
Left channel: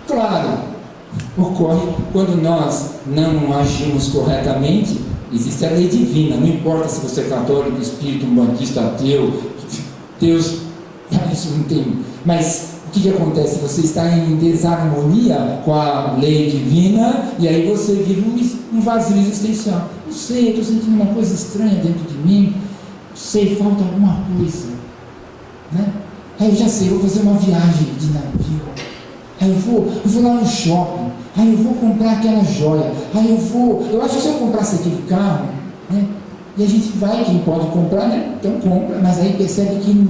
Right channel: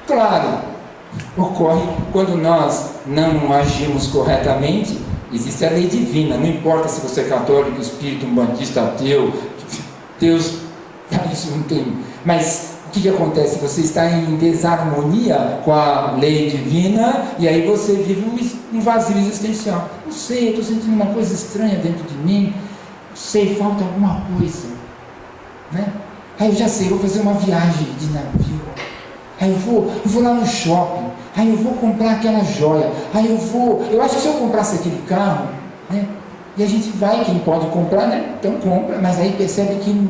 claro, ocorre quando nós não agimos corretamente, existe a lei divina, não importa se você é católico, espírita, umbandista, ateu, Deus, isso não tem, mas o que acontece? Você está em desarmonia com a lei divina, e aí você vive um vazio existencial. Não sei, eu estou sentindo uma coisa estranha dentro de mim, não sei, falta alguma coisa, né? Aí eu já sei, eu vou fazer uma viagem de navio, aí eu vou lá no shopping, aí eu vou comprar aquela joia, aí eu acho que se eu comprasse aquele carro, né? E a gente vai, quem pode comprar, né? Então compra, mas aí percebe que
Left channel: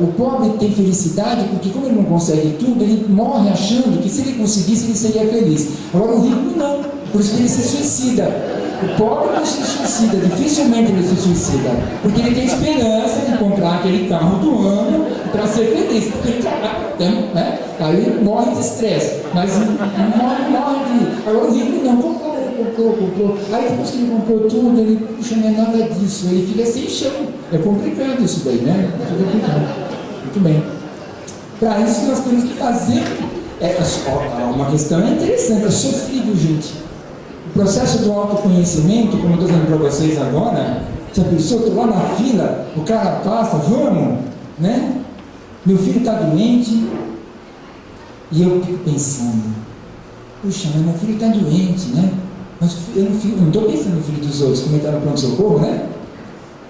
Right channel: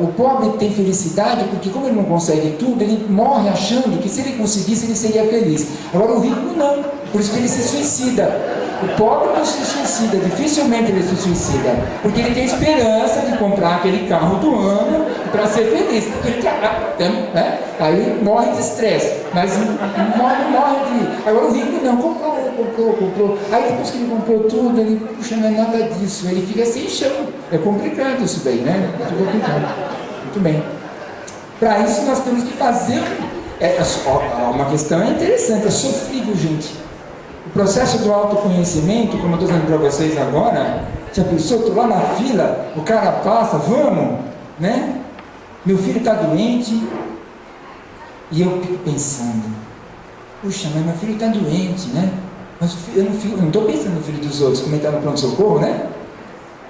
o pobre tem felicidade, porque como ele não consegue tudo, ele morre achando que se ele conseguisse, ele seria feliz. Agora o rico não, por isso que ele se suicida. O pobre não se suicida, dificilmente ele se suicida, porque ele tem esperança de comprar aquele carro do ano para ser feliz, porque ele trabalha, né? Aí morre de estresse, mas morre de... Agora o rico não, comprou, aí depois que ele comprou tudo, ele, puxa, não é nada disso, ele fica sem chão. É complicado isso daí, né? Muito complicado. Muito bem. Para isso nós temos que fazer... uma questão interessante, é sofrível, gente. O processo do autoconhecimento, como eu estou dizendo para vocês agora, já pensou, estou lá na fila, o cara passa, vamos, né? Meu filho está doente, e eu fico pensando, puxa, mas meu filho está doente, né? Mas eu não estou pensando no filho dos outros, como ele está no pronto-socorro, né?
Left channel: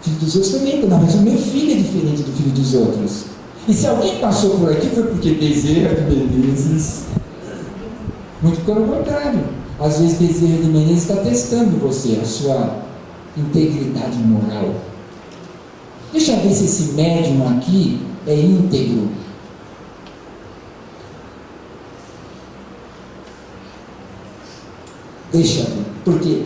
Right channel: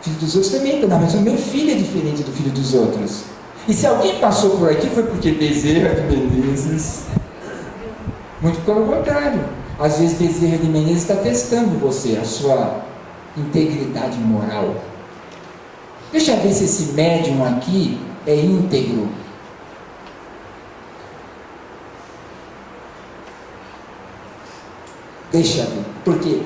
O filho dos outros também, não, mas o meu filho é diferente do filho dos outros. E se alguém passou por aqui foi porque Bezerra de Menezes. Muito pelo contrário. Às vezes Bezerra de Menezes está testando você, a sua integridade moral. Deixa eu ver se esse médium aqui é íntegro. Deixa eu ver. Porque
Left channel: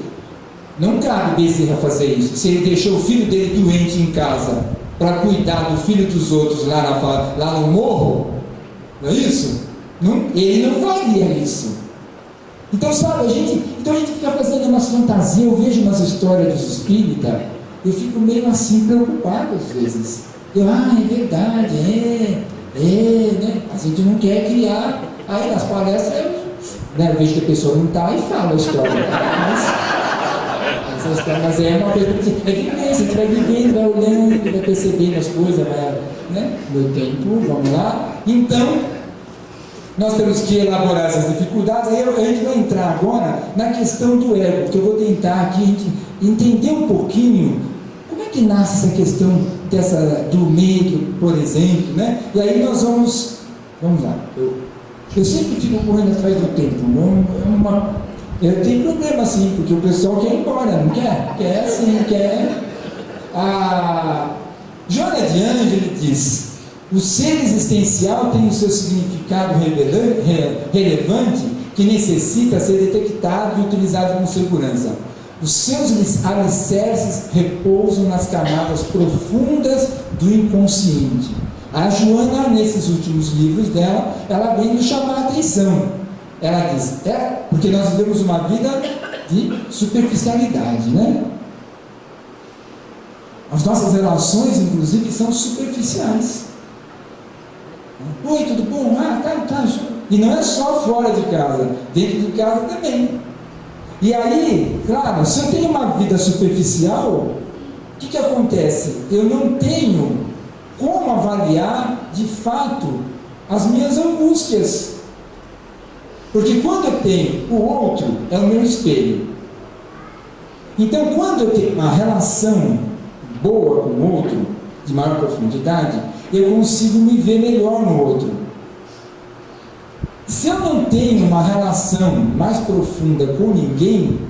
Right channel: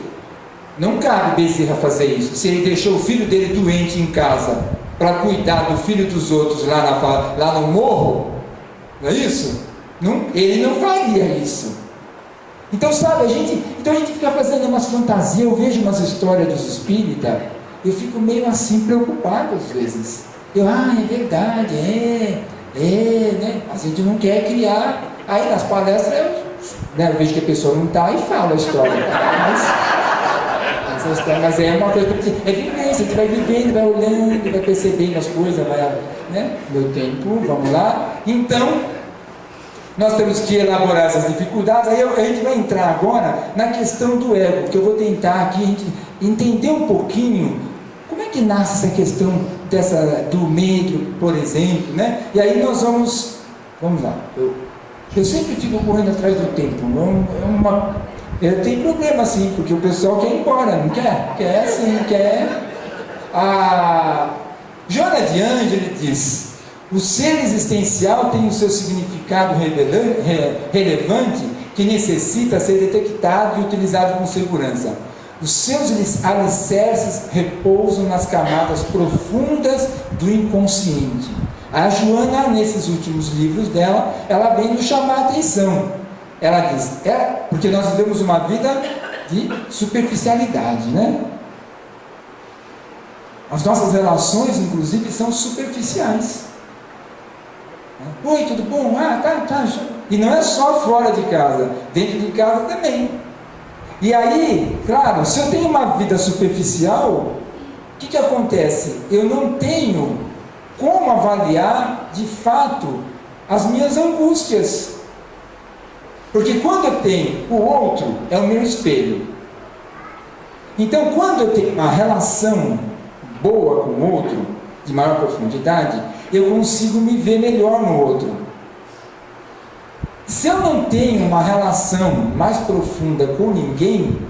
não cabe Bezerra fazer isso. Se ele deixou o filho dele doente em casa para cuidar do filho dos outros lá no morro, não é isso? Não, ele não faria isso. Então, sabe, a gente fica fazendo umas fantasias. Eu vejo umas histórias dos espíritas, eu fico meio assim preocupado às vezes. É verdade, né? A gente não quer criar. Aí nas palestras eu vejo que a pessoa não está e fala a história. Mas é uma coisa que é vivência, a gente vai vivendo, vai olhando, vai percebendo as coisas, vai, né? Meu tempo, vamos lá. Então, nós temos que elaborar essas dificuldades. Aí a gente vai entrar agora na questão do ego, porque eu vou tentar aqui a gente entender um pouquinho como é que nasce essa questão do medo, por exemplo, né? E aí nós vamos lá. Eu sempre fico correndo atrás do tempo. Eu tenho problema assim, porque o pessoal quer ir embora, não quer? Quer. A Joana de Ângeles diz: o ser existencial tem o seu significado relevante que necessita ser detectado e utilizado com segurança. Os seus alicerces repousam nas camadas profundas do inconsciente. A Joana, nesses últimos livros dela, ela vem nos chamar a atenção. Ela diz, porque nós vivemos uma vida de superficialidade, né? As nossas relações, inclusive, são superficiais. Oi, tudo bom? Tá. E não é só fora de casa, dentro de casa também. E aí, claro, se eu tenho uma vida superficial, o que acontece? Eu não tenho como avaliar, de fato, as minhas angústias. Porque quando eu tenho o outro, é o meu espelho. Então, quando eu tenho uma relação boa com o outro, de maior profundidade, eu consigo me ver melhor no outro. Se eu não tenho uma relação mais profunda com ninguém,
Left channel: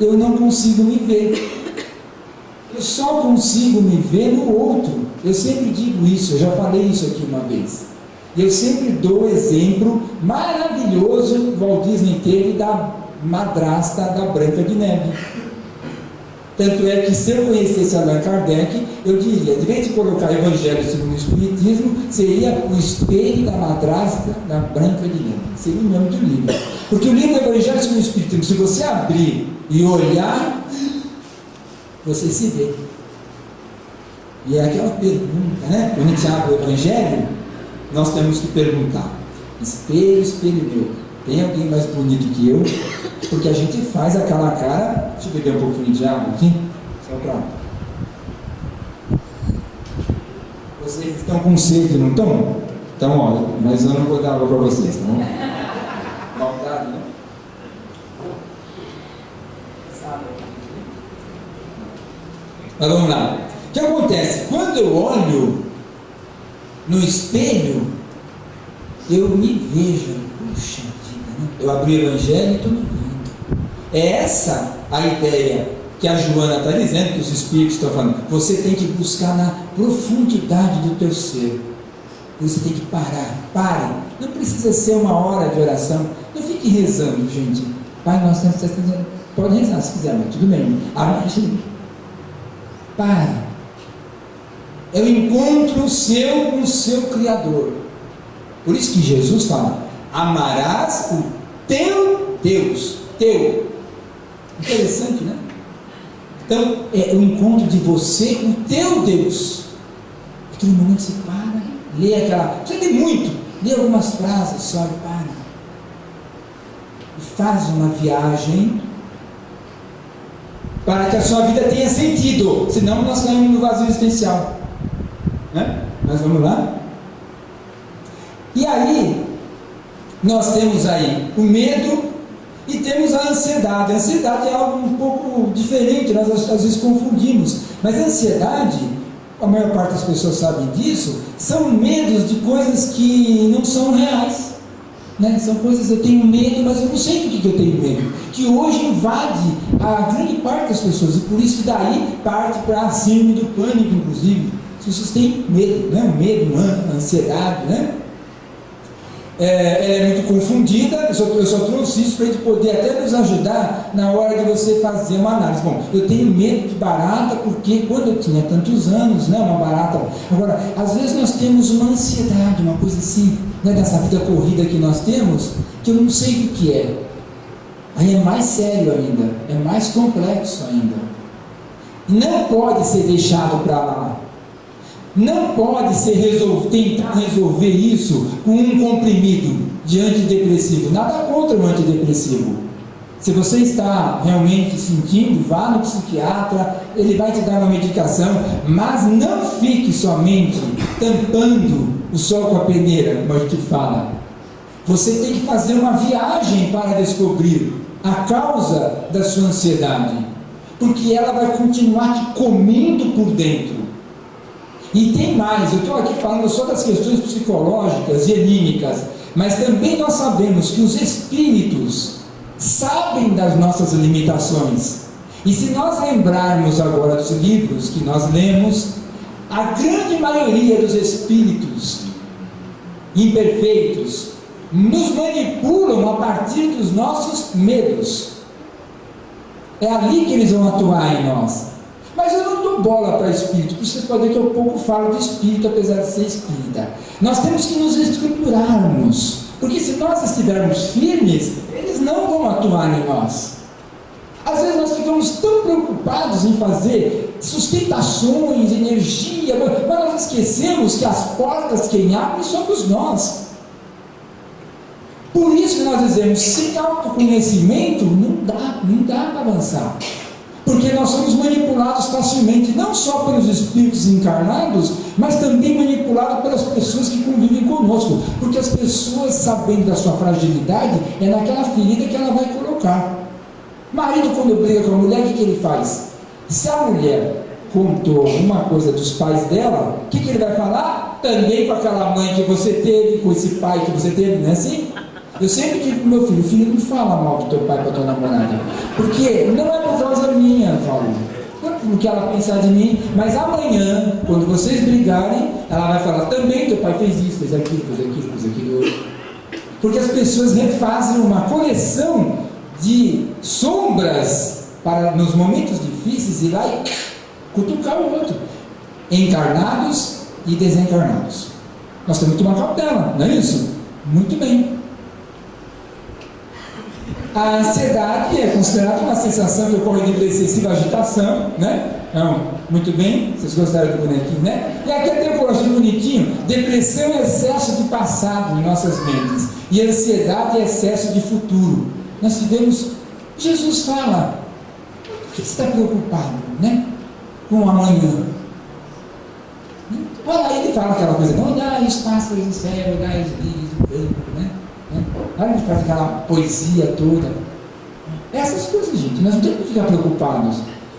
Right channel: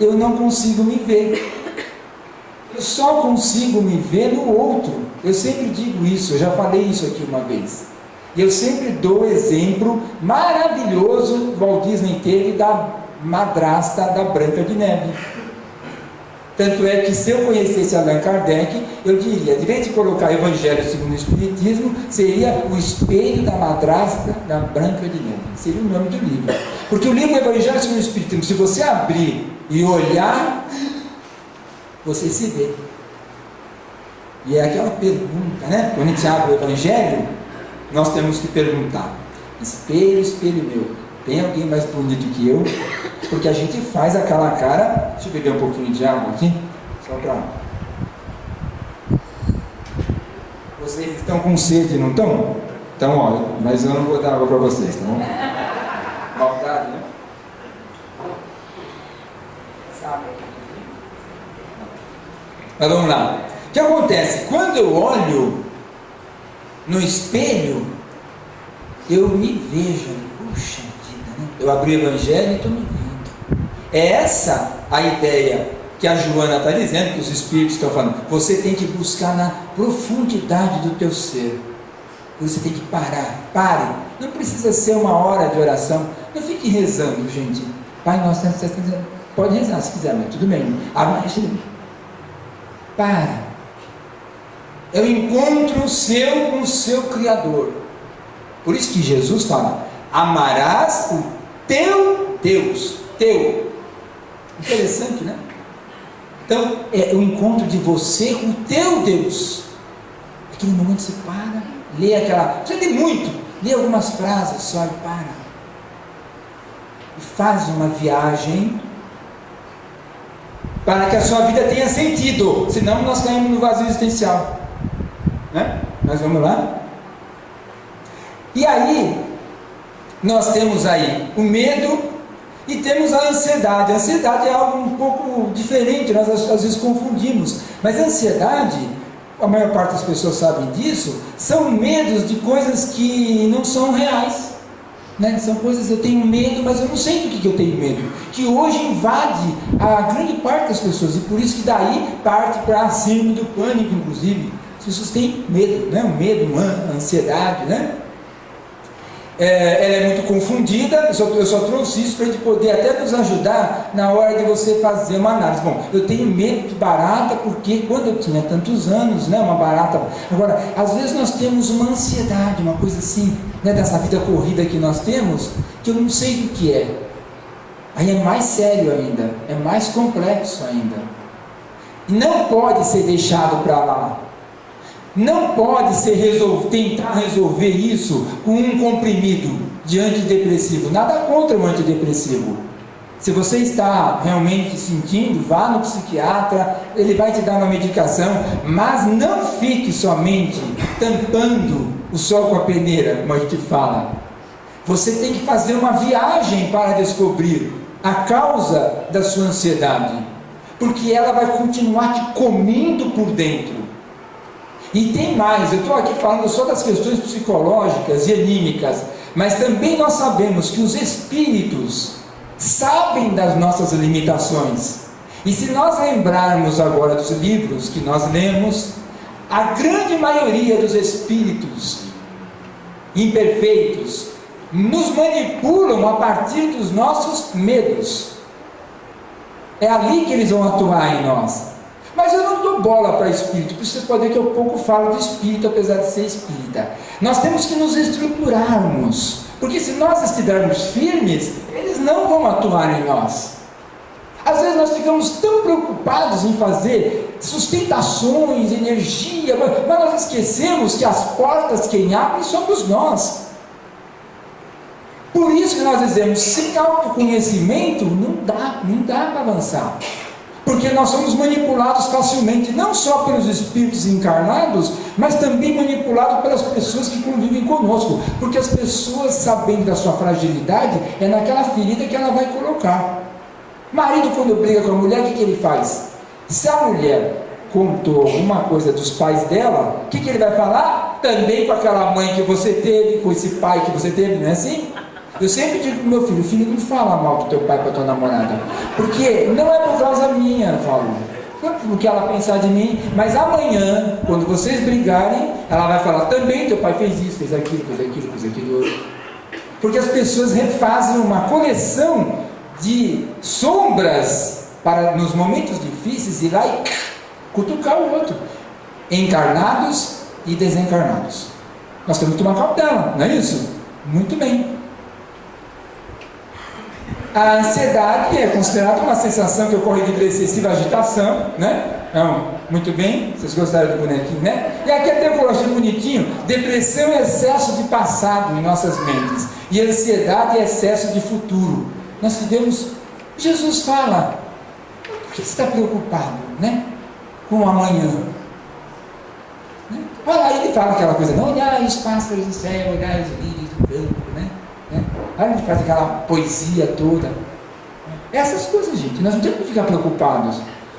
eu não consigo me ver. Eu só consigo me ver no outro. Eu sempre digo isso, eu já falei isso aqui uma vez. E eu sempre dou o exemplo maravilhoso que Walt Disney teve da madrasta da Branca de Neve. Tanto é que se eu conhecesse Allan Kardec, eu diria, de vez de colocar Evangelho segundo o Espiritismo, seria o espelho da madrasta da Branca de Neve. Seria o nome do livro. Porque o livro Evangelho segundo o Espiritismo, se você abrir e olhar, você se vê. E é aquela pergunta, né? Quando a gente abre o Evangelho, nós temos que perguntar: espelho, espelho meu, tem alguém mais bonito que eu? Porque a gente faz aquela cara. Deixa eu beber um pouquinho de água aqui, só para. Vocês estão com sede, não estão? Então, olha, mas eu não vou dar água para vocês, tá bom? Maldade, né? Mas vamos lá. O que acontece? Quando eu olho no espelho, eu me vejo. Puxa vida, né? Eu abri o Evangelho e estou me vendo. É essa a ideia que a Joana está dizendo, que os Espíritos estão falando. Você tem que buscar na profundidade do teu ser. Você tem que parar. Pare. Não precisa ser uma hora de oração. Não fique rezando, gente. Pai nosso, pode rezar se quiser, mas tudo bem. Para. É o encontro seu com o seu Criador. Por isso que Jesus fala: amarás o teu Deus. Teu. Interessante, né? Então, é o encontro de você com o teu Deus. Aquele momento você para, lê aquela. Você tem muito, lê algumas frases só e para. E faz uma viagem para que a sua vida tenha sentido. Senão nós caímos no vazio existencial. Né? Nós vamos lá? E aí, nós temos aí o medo. E temos a ansiedade. A ansiedade é algo um pouco diferente, nós às vezes confundimos. Mas a ansiedade, a maior parte das pessoas sabem disso, são medos de coisas que não são reais. Né? São coisas, eu tenho medo, mas eu não sei do que eu tenho medo. Que hoje invade a grande parte das pessoas. E por isso que daí parte para a síndrome do pânico, inclusive. As pessoas têm medo, né? O medo, a ansiedade, né? Ela é muito confundida. Eu só trouxe isso para ele poder até nos ajudar na hora de você fazer uma análise. Bom, eu tenho medo de barata porque quando eu tinha tantos anos, né, uma barata. Agora, às vezes nós temos uma ansiedade, uma coisa assim, né, dessa vida corrida que nós temos, que eu não sei o que é. Aí é mais sério ainda, é mais complexo ainda. Não pode ser deixado para lá. Não pode ser tentar resolver isso com um comprimido de antidepressivo. Nada contra o antidepressivo. Se você está realmente sentindo, vá no psiquiatra, ele vai te dar uma medicação, mas não fique somente tampando o sol com a peneira, como a gente fala. Você tem que fazer uma viagem para descobrir a causa da sua ansiedade, porque ela vai continuar te comendo por dentro. E tem mais, eu estou aqui falando só das questões psicológicas e anímicas, mas também nós sabemos que os espíritos sabem das nossas limitações. E se nós lembrarmos agora dos livros que nós lemos, a grande maioria dos espíritos imperfeitos nos manipulam a partir dos nossos medos. É ali que eles vão atuar em nós. Mas eu não dou bola para espírito, porque vocês podem ver que eu pouco falo de espírito, apesar de ser espírita. Nós temos que nos estruturarmos, porque se nós estivermos firmes, eles não vão atuar em nós. Às vezes nós ficamos tão preocupados em fazer sustentações, energia, mas nós esquecemos que as portas quem abre somos nós. Por isso que nós dizemos, sem autoconhecimento não dá para avançar. Porque nós somos manipulados facilmente, não só pelos espíritos encarnados, mas também manipulados pelas pessoas que convivem conosco. Porque as pessoas, sabendo da sua fragilidade, é naquela ferida que ela vai colocar. Marido, quando briga com a mulher, o que ele faz? Se a mulher contou alguma coisa dos pais dela, o que ele vai falar? Também com aquela mãe que você teve, com esse pai que você teve, não é assim? Eu sempre digo para o meu filho, não fala mal do teu pai para tua namorada, porque não é por causa minha, Paulo, não é porque ela pensar de mim, mas amanhã, quando vocês brigarem, ela vai falar, também teu pai fez isso, fez aquilo, outro. Porque as pessoas refazem uma coleção de sombras para, nos momentos difíceis, ir lá e cutucar o outro, encarnados e desencarnados. Nós temos que tomar cautela, não é isso? Muito bem. A ansiedade é considerada uma sensação que ocorre de excessiva agitação, né? Então, muito bem, vocês gostaram do bonequinho, né? E aqui até eu coloquei bonitinho, depressão é excesso de passado em nossas mentes, e ansiedade é excesso de futuro. Nós tivemos, Jesus fala, por que você está preocupado, né? Com o amanhã? Olha aí, ele fala aquela coisa, não olhar os pássaros do céu, olhar os lírios do campo, né? A gente faz aquela poesia toda. Essas coisas, gente, nós não temos que ficar preocupados.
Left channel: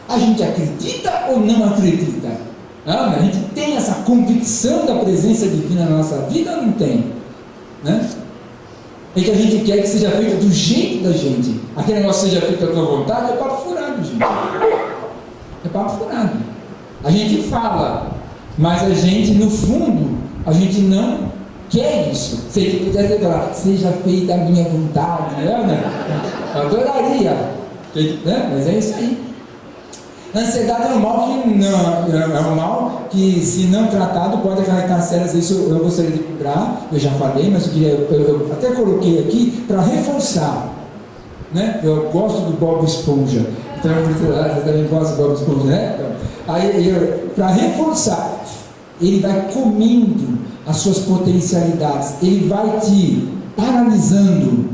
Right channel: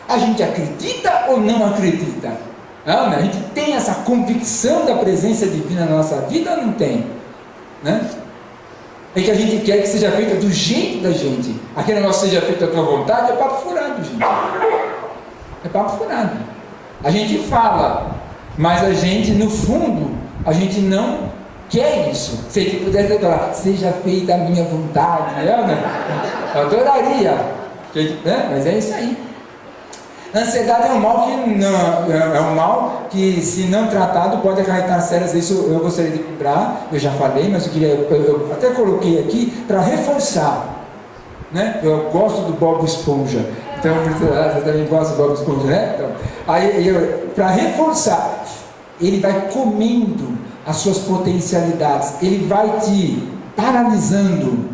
A gente acredita ou não acredita? Não, a gente tem essa convicção da presença divina na nossa vida ou não tem? Né? É que a gente quer que seja feito do jeito da gente. Aquele negócio seja feito à tua vontade, é papo furado, gente. É papo furado. A gente fala, mas a gente, no fundo, a gente não quer isso. Se ele pudesse falar, seja feita a minha vontade, né? Eu adoraria, né? Mas é isso aí. A ansiedade é um mal que não, é um mal que, se não tratado, pode acarretar sérias. Isso eu gostaria de lembrar, eu já falei, mas eu até coloquei aqui para reforçar, né? Eu gosto do Bob Esponja, então você também gosta do Bob Esponja, né? Então, aí, para reforçar, ele vai comendo as suas potencialidades, ele vai te paralisando.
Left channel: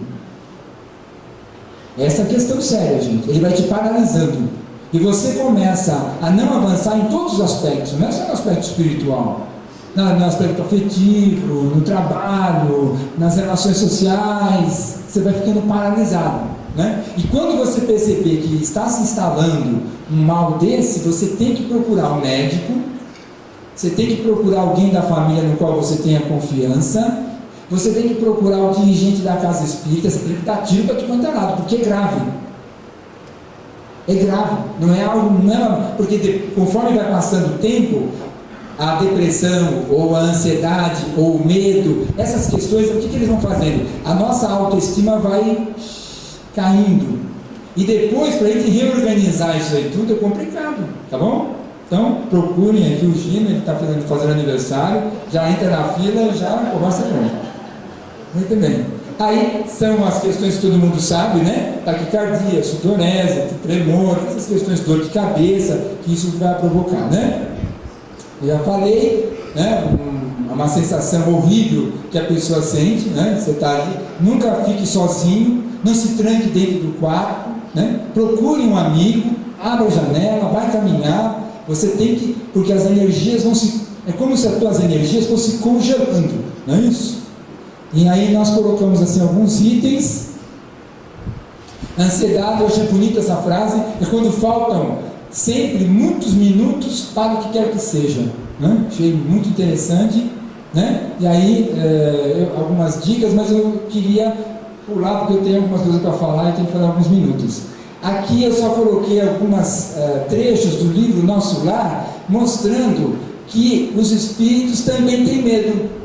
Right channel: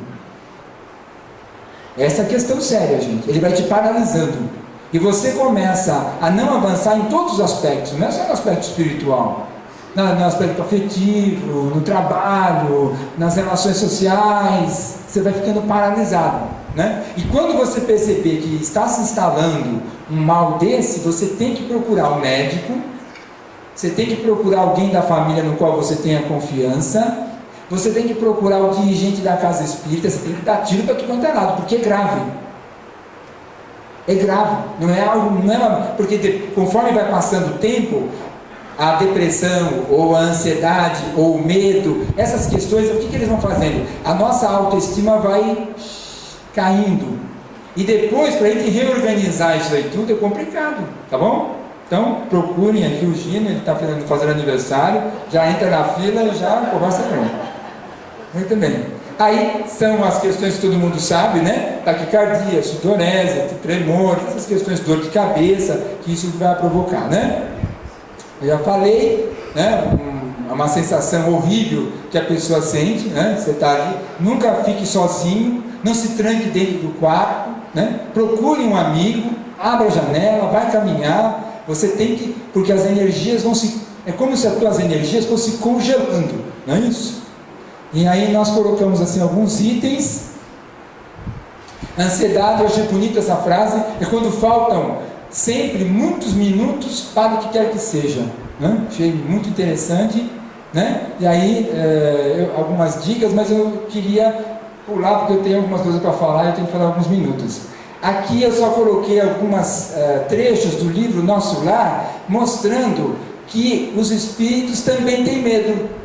Essa é a questão séria, gente. Ele vai te paralisando e você começa a não avançar em todos os aspectos, não é só no aspecto espiritual, no aspecto afetivo, no trabalho, nas relações sociais, você vai ficando paralisado, né? E quando você perceber que está se instalando um mal desse, você tem que procurar um médico, você tem que procurar alguém da família no qual você tenha confiança, você tem que procurar o dirigente da casa espírita, você tem que dar tiro para tudo quanto é lado, porque é grave. É grave, não é algo, porque conforme vai passando o tempo, a depressão, ou a ansiedade, ou o medo, essas questões, o que eles vão fazendo? A nossa autoestima vai caindo, e depois, para a gente reorganizar isso aí tudo, é complicado, tá bom? Então, procurem aqui o Gino, ele está fazendo aniversário, já entra na fila e já conversa com ele. Muito bem. Aí são as questões que todo mundo sabe, né? Taquicardia, sudorese, tremor, essas questões de dor de cabeça que isso vai provocar, né? Eu já falei, né? Uma sensação horrível que a pessoa sente, né? Você está ali, nunca fique sozinho, não se tranque dentro do quarto, né? Procure um amigo, abra a janela, vai caminhar. Você tem que, porque as energias vão se, é como se as tuas energias fossem congelando, não é isso? E aí nós colocamos assim alguns itens. Ansiedade, eu achei bonita essa frase, é quando faltam sempre muitos minutos para o que quer que seja, né? Achei muito interessante, né? E aí algumas dicas, mas eu queria pular porque eu tenho algumas coisas para falar e eu tenho que falar alguns minutos. Aqui eu só coloquei algumas trechos do livro Nosso Lar, mostrando que os espíritos também têm medo.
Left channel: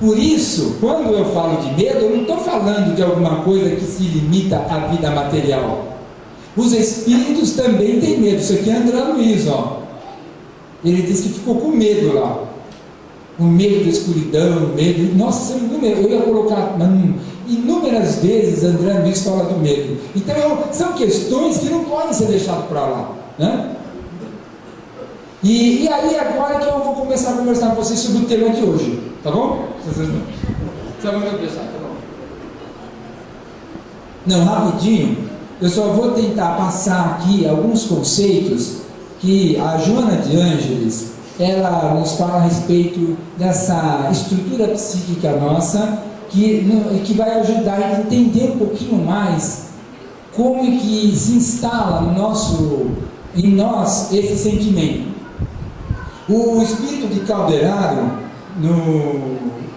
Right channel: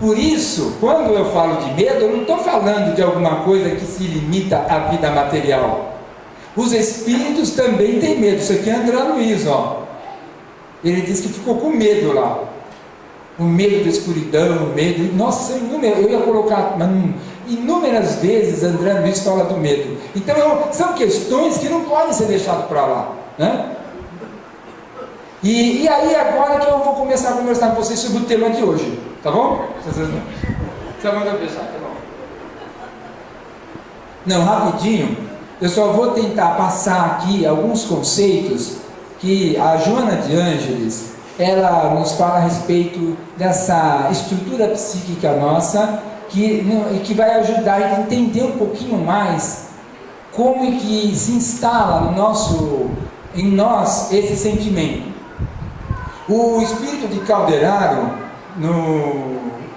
Por isso, quando eu falo de medo, eu não estou falando de alguma coisa que se limita à vida material. Os espíritos também têm medo. Isso aqui é André Luiz, ó. Ele disse que ficou com medo lá. O medo da escuridão, o medo... Nossa, eu ia colocar... Inúmeras vezes André Luiz fala do medo. Então, são questões que não podem ser deixadas para lá, né? E aí, agora que eu vou começar a conversar com vocês sobre o tema de hoje, tá bom? Você vai mandar pensar, tá bom? Não, rapidinho, eu só vou tentar passar aqui alguns conceitos que a Joana de Ângeles, ela nos fala a respeito dessa estrutura psíquica nossa, que vai ajudar a entender um pouquinho mais como é que se instala em nós esse sentimento. O espírito de Calderaro,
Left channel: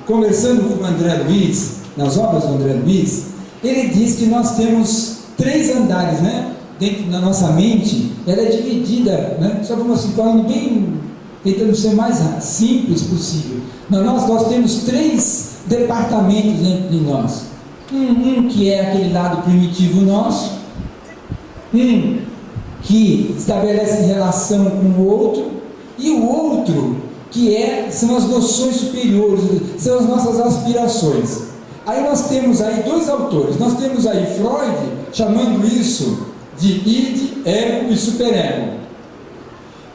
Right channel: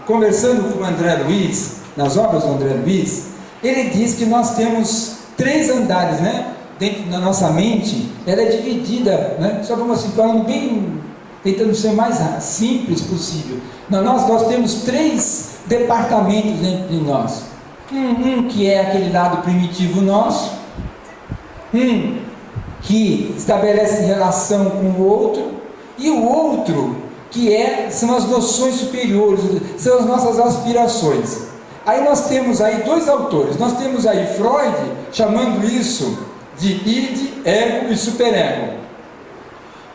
conversando com o André Luiz, nas obras do André Luiz, ele diz que nós temos 3 andares, né? Dentro da nossa mente, ela é dividida, né? Só vamos assim, falando bem, tentando ser o mais simples possível. Nós temos 3 departamentos dentro de nós. Um que é aquele lado primitivo nosso, que estabelece relação com o outro, e o outro que são as noções superiores, são as nossas aspirações. Aí nós temos aí 2 autores, nós temos aí Freud chamando isso de id, ego e superego.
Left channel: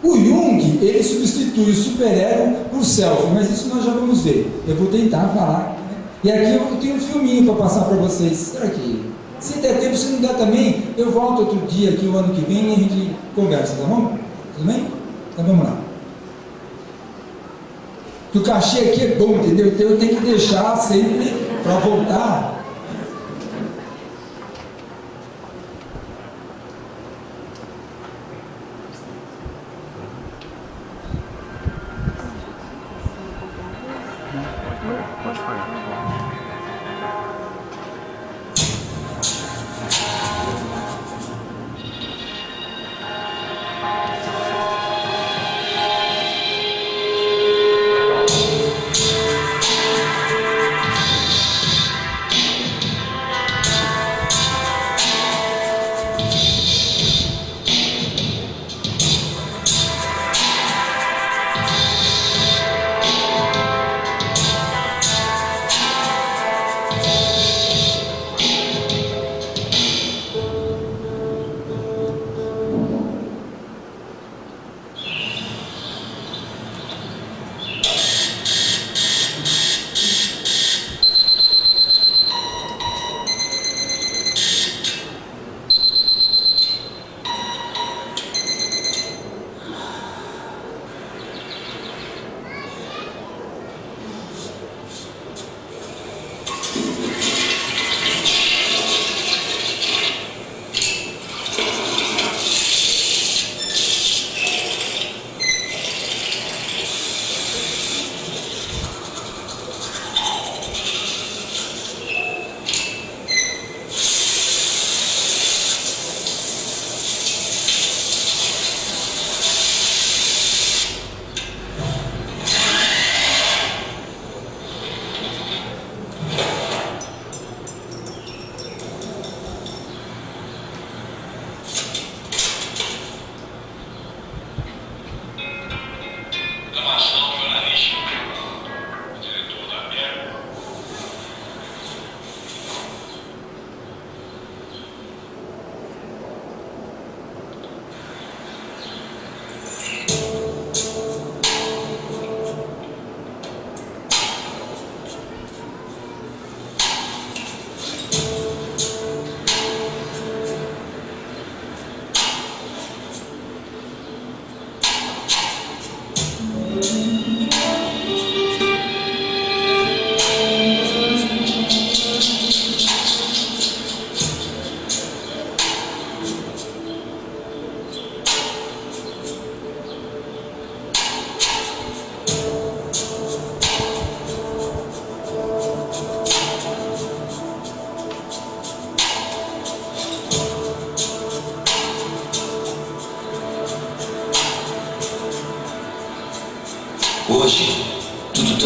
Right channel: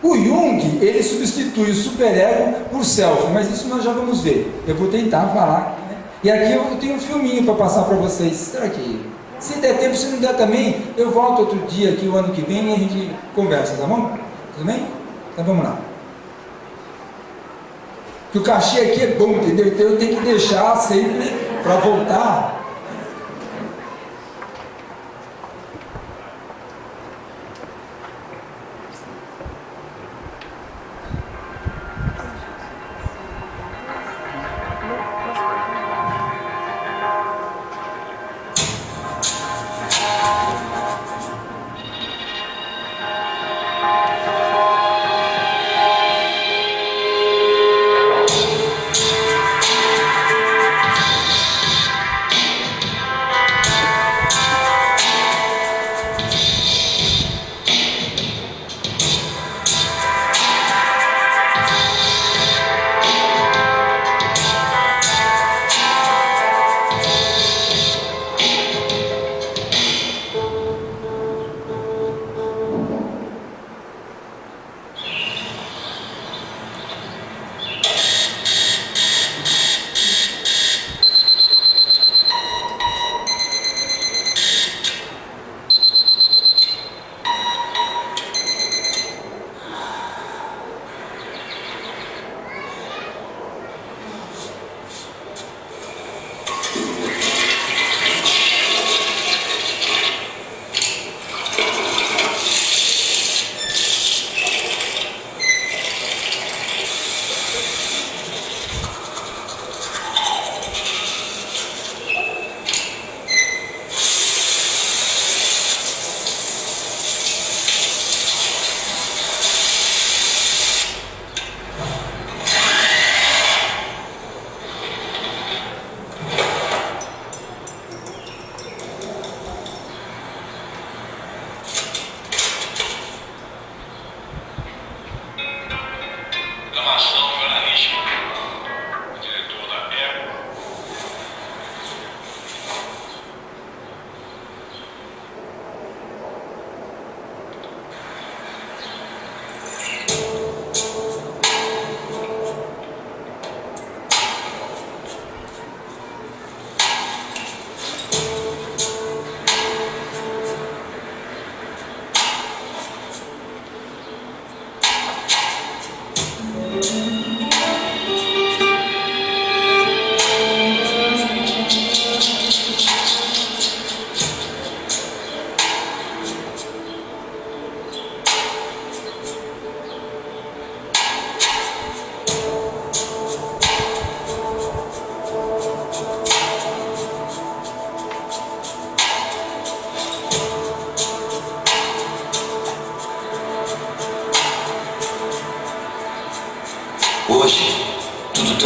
O Jung, ele substitui o superego por self, mas isso nós já vamos ver, eu vou tentar falar, né? E aqui eu tenho um filminho para passar para vocês. Será que, se der tempo, se não der também, eu volto outro dia aqui o ano que vem e a gente conversa, tá bom? Tudo bem? Então vamos lá. Que o cachê aqui é bom, entendeu? Então eu tenho que deixar sempre para voltar.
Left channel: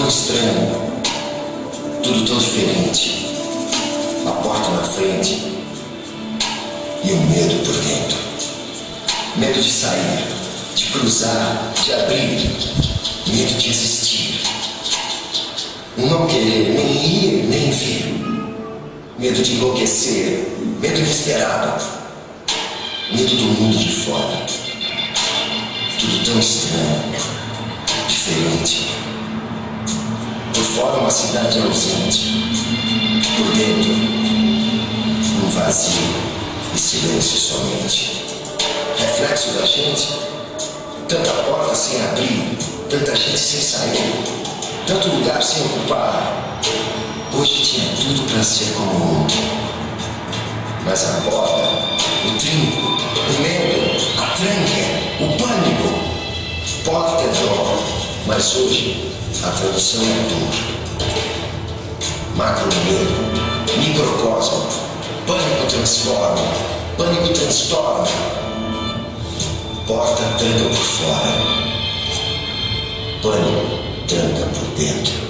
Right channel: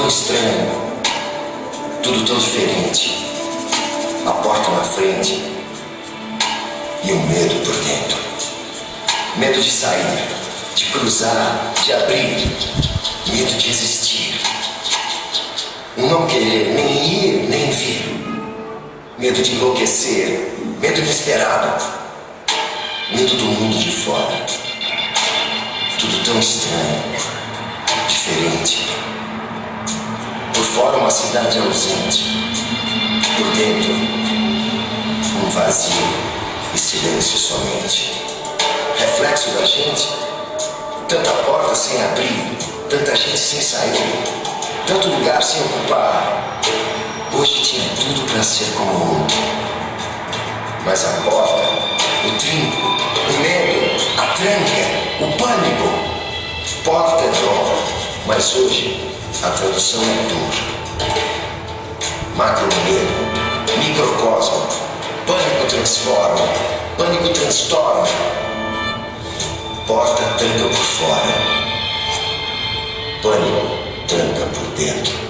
estranho, tudo tão diferente. A porta na frente e o medo por dentro. Medo de sair, de cruzar, de abrir. Medo de existir. Um não querer nem ir, nem vir. Medo de enlouquecer. Medo inesperado. Medo do mundo de fora. Tudo tão estranho, diferente. Por fora uma cidade ausente. Por dentro, um vazio e silêncio somente. Reflexo da gente, tanta porta sem abrir, tanta gente sem sair, tanto lugar sem ocupar. Hoje tinha tudo para ser como ontem. Mas a porta, o trinco, o medo, a tranca, o pânico. Porta é dor, mas hoje a tradução é dor. Macro medo, microcosmo, pânico transforma, pânico transtorna. Porta tranca por fora, pânico tranca por dentro.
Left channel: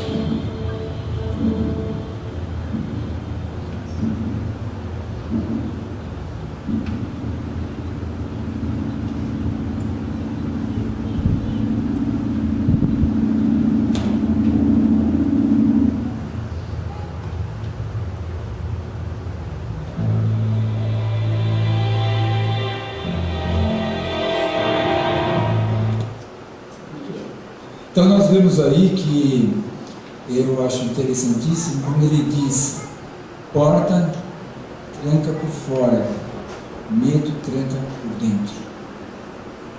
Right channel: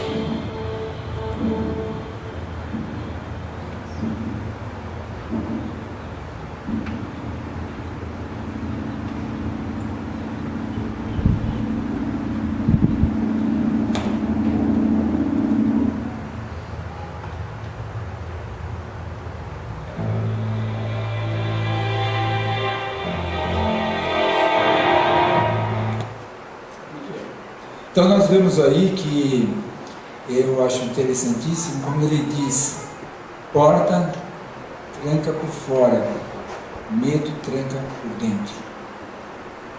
Então nós vemos aí que eu acho interessantíssimo como ele diz: porta tranca por fora, medo tranca por dentro.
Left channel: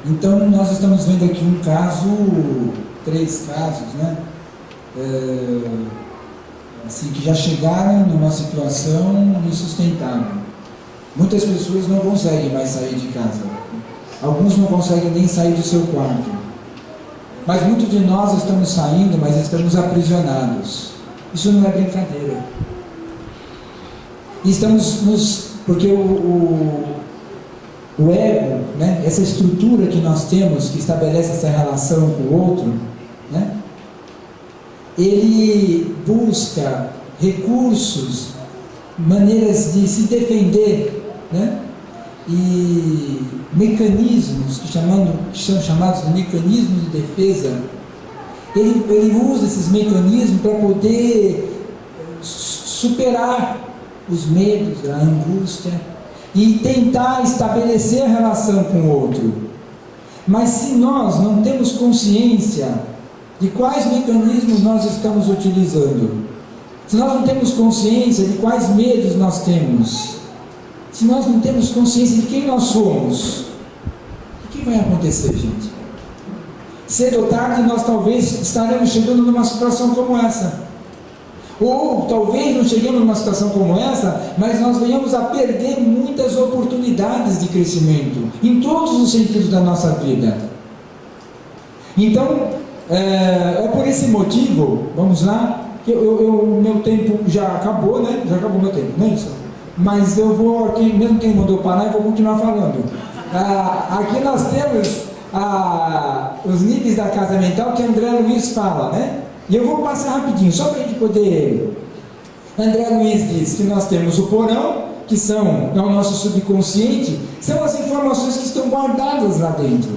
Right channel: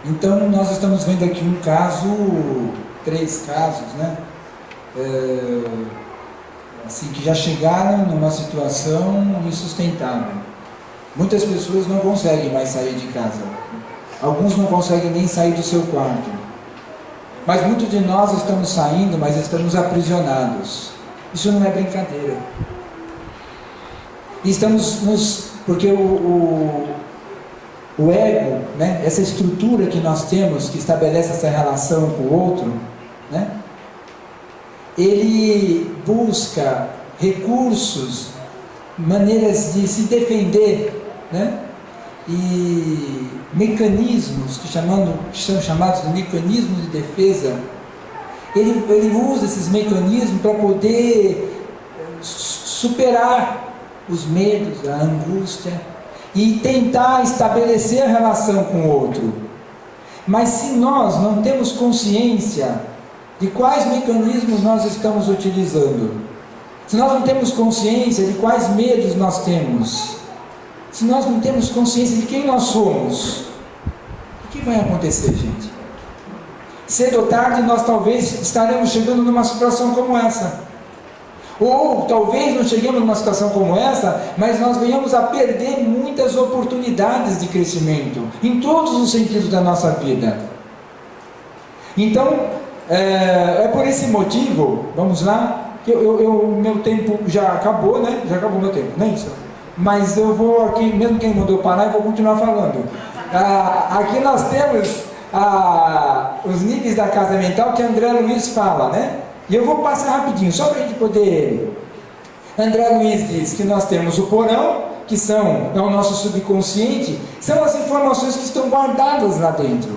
Então nós estamos vendo aqui um caso, 3 casos, né? Assim, que já chegaram numa situação insustentável. Muitas pessoas não conseguem mais sair de casa. Alguns não conseguem nem sair do seu quarto. Mas muitos de nós estamos saindo, mas estamos aprisionados. Isso não é brincadeira. E porque o ego, né, essa estrutura que nós temos, que estabelece essa relação com o outro, né, ele busca recursos, maneiras de se defender, né, e mecanismos que são chamados de mecanismos de defesa. Ele usa esses mecanismos para poder superar os medos, a angústia e tentar estabelecer a relação com o outro. Mas se nós não temos consciência de quais mecanismos nós estamos utilizando, se nós não temos consciência de quais medos nós temos, se nós não temos consciência de quem nós somos, o que vai acontecer, gente? Cedo ou tarde nós talvez estaremos chegando numa situação como essa. Ou talvez não cheguemos numa situação como essa, mas nós venhamos a perder muitas oportunidades de crescimento, em todos os sentidos da nossa vida. Então, é por esse motivo, vamos lá, que meu tempo já acabou, né? Já acabou meu tempo, não é isso? Mas eu vou aqui, mesmo quem mandou parar, eu vou continuar falando. Aqui nós temos os níveis da casa mental que André Luiz fala, né? E eu vou passar rapidinho, só para a gente poder... André Luiz diz que nós temos o porão, que é o nosso subconsciente, são as informações que estão guardadas lá dentro,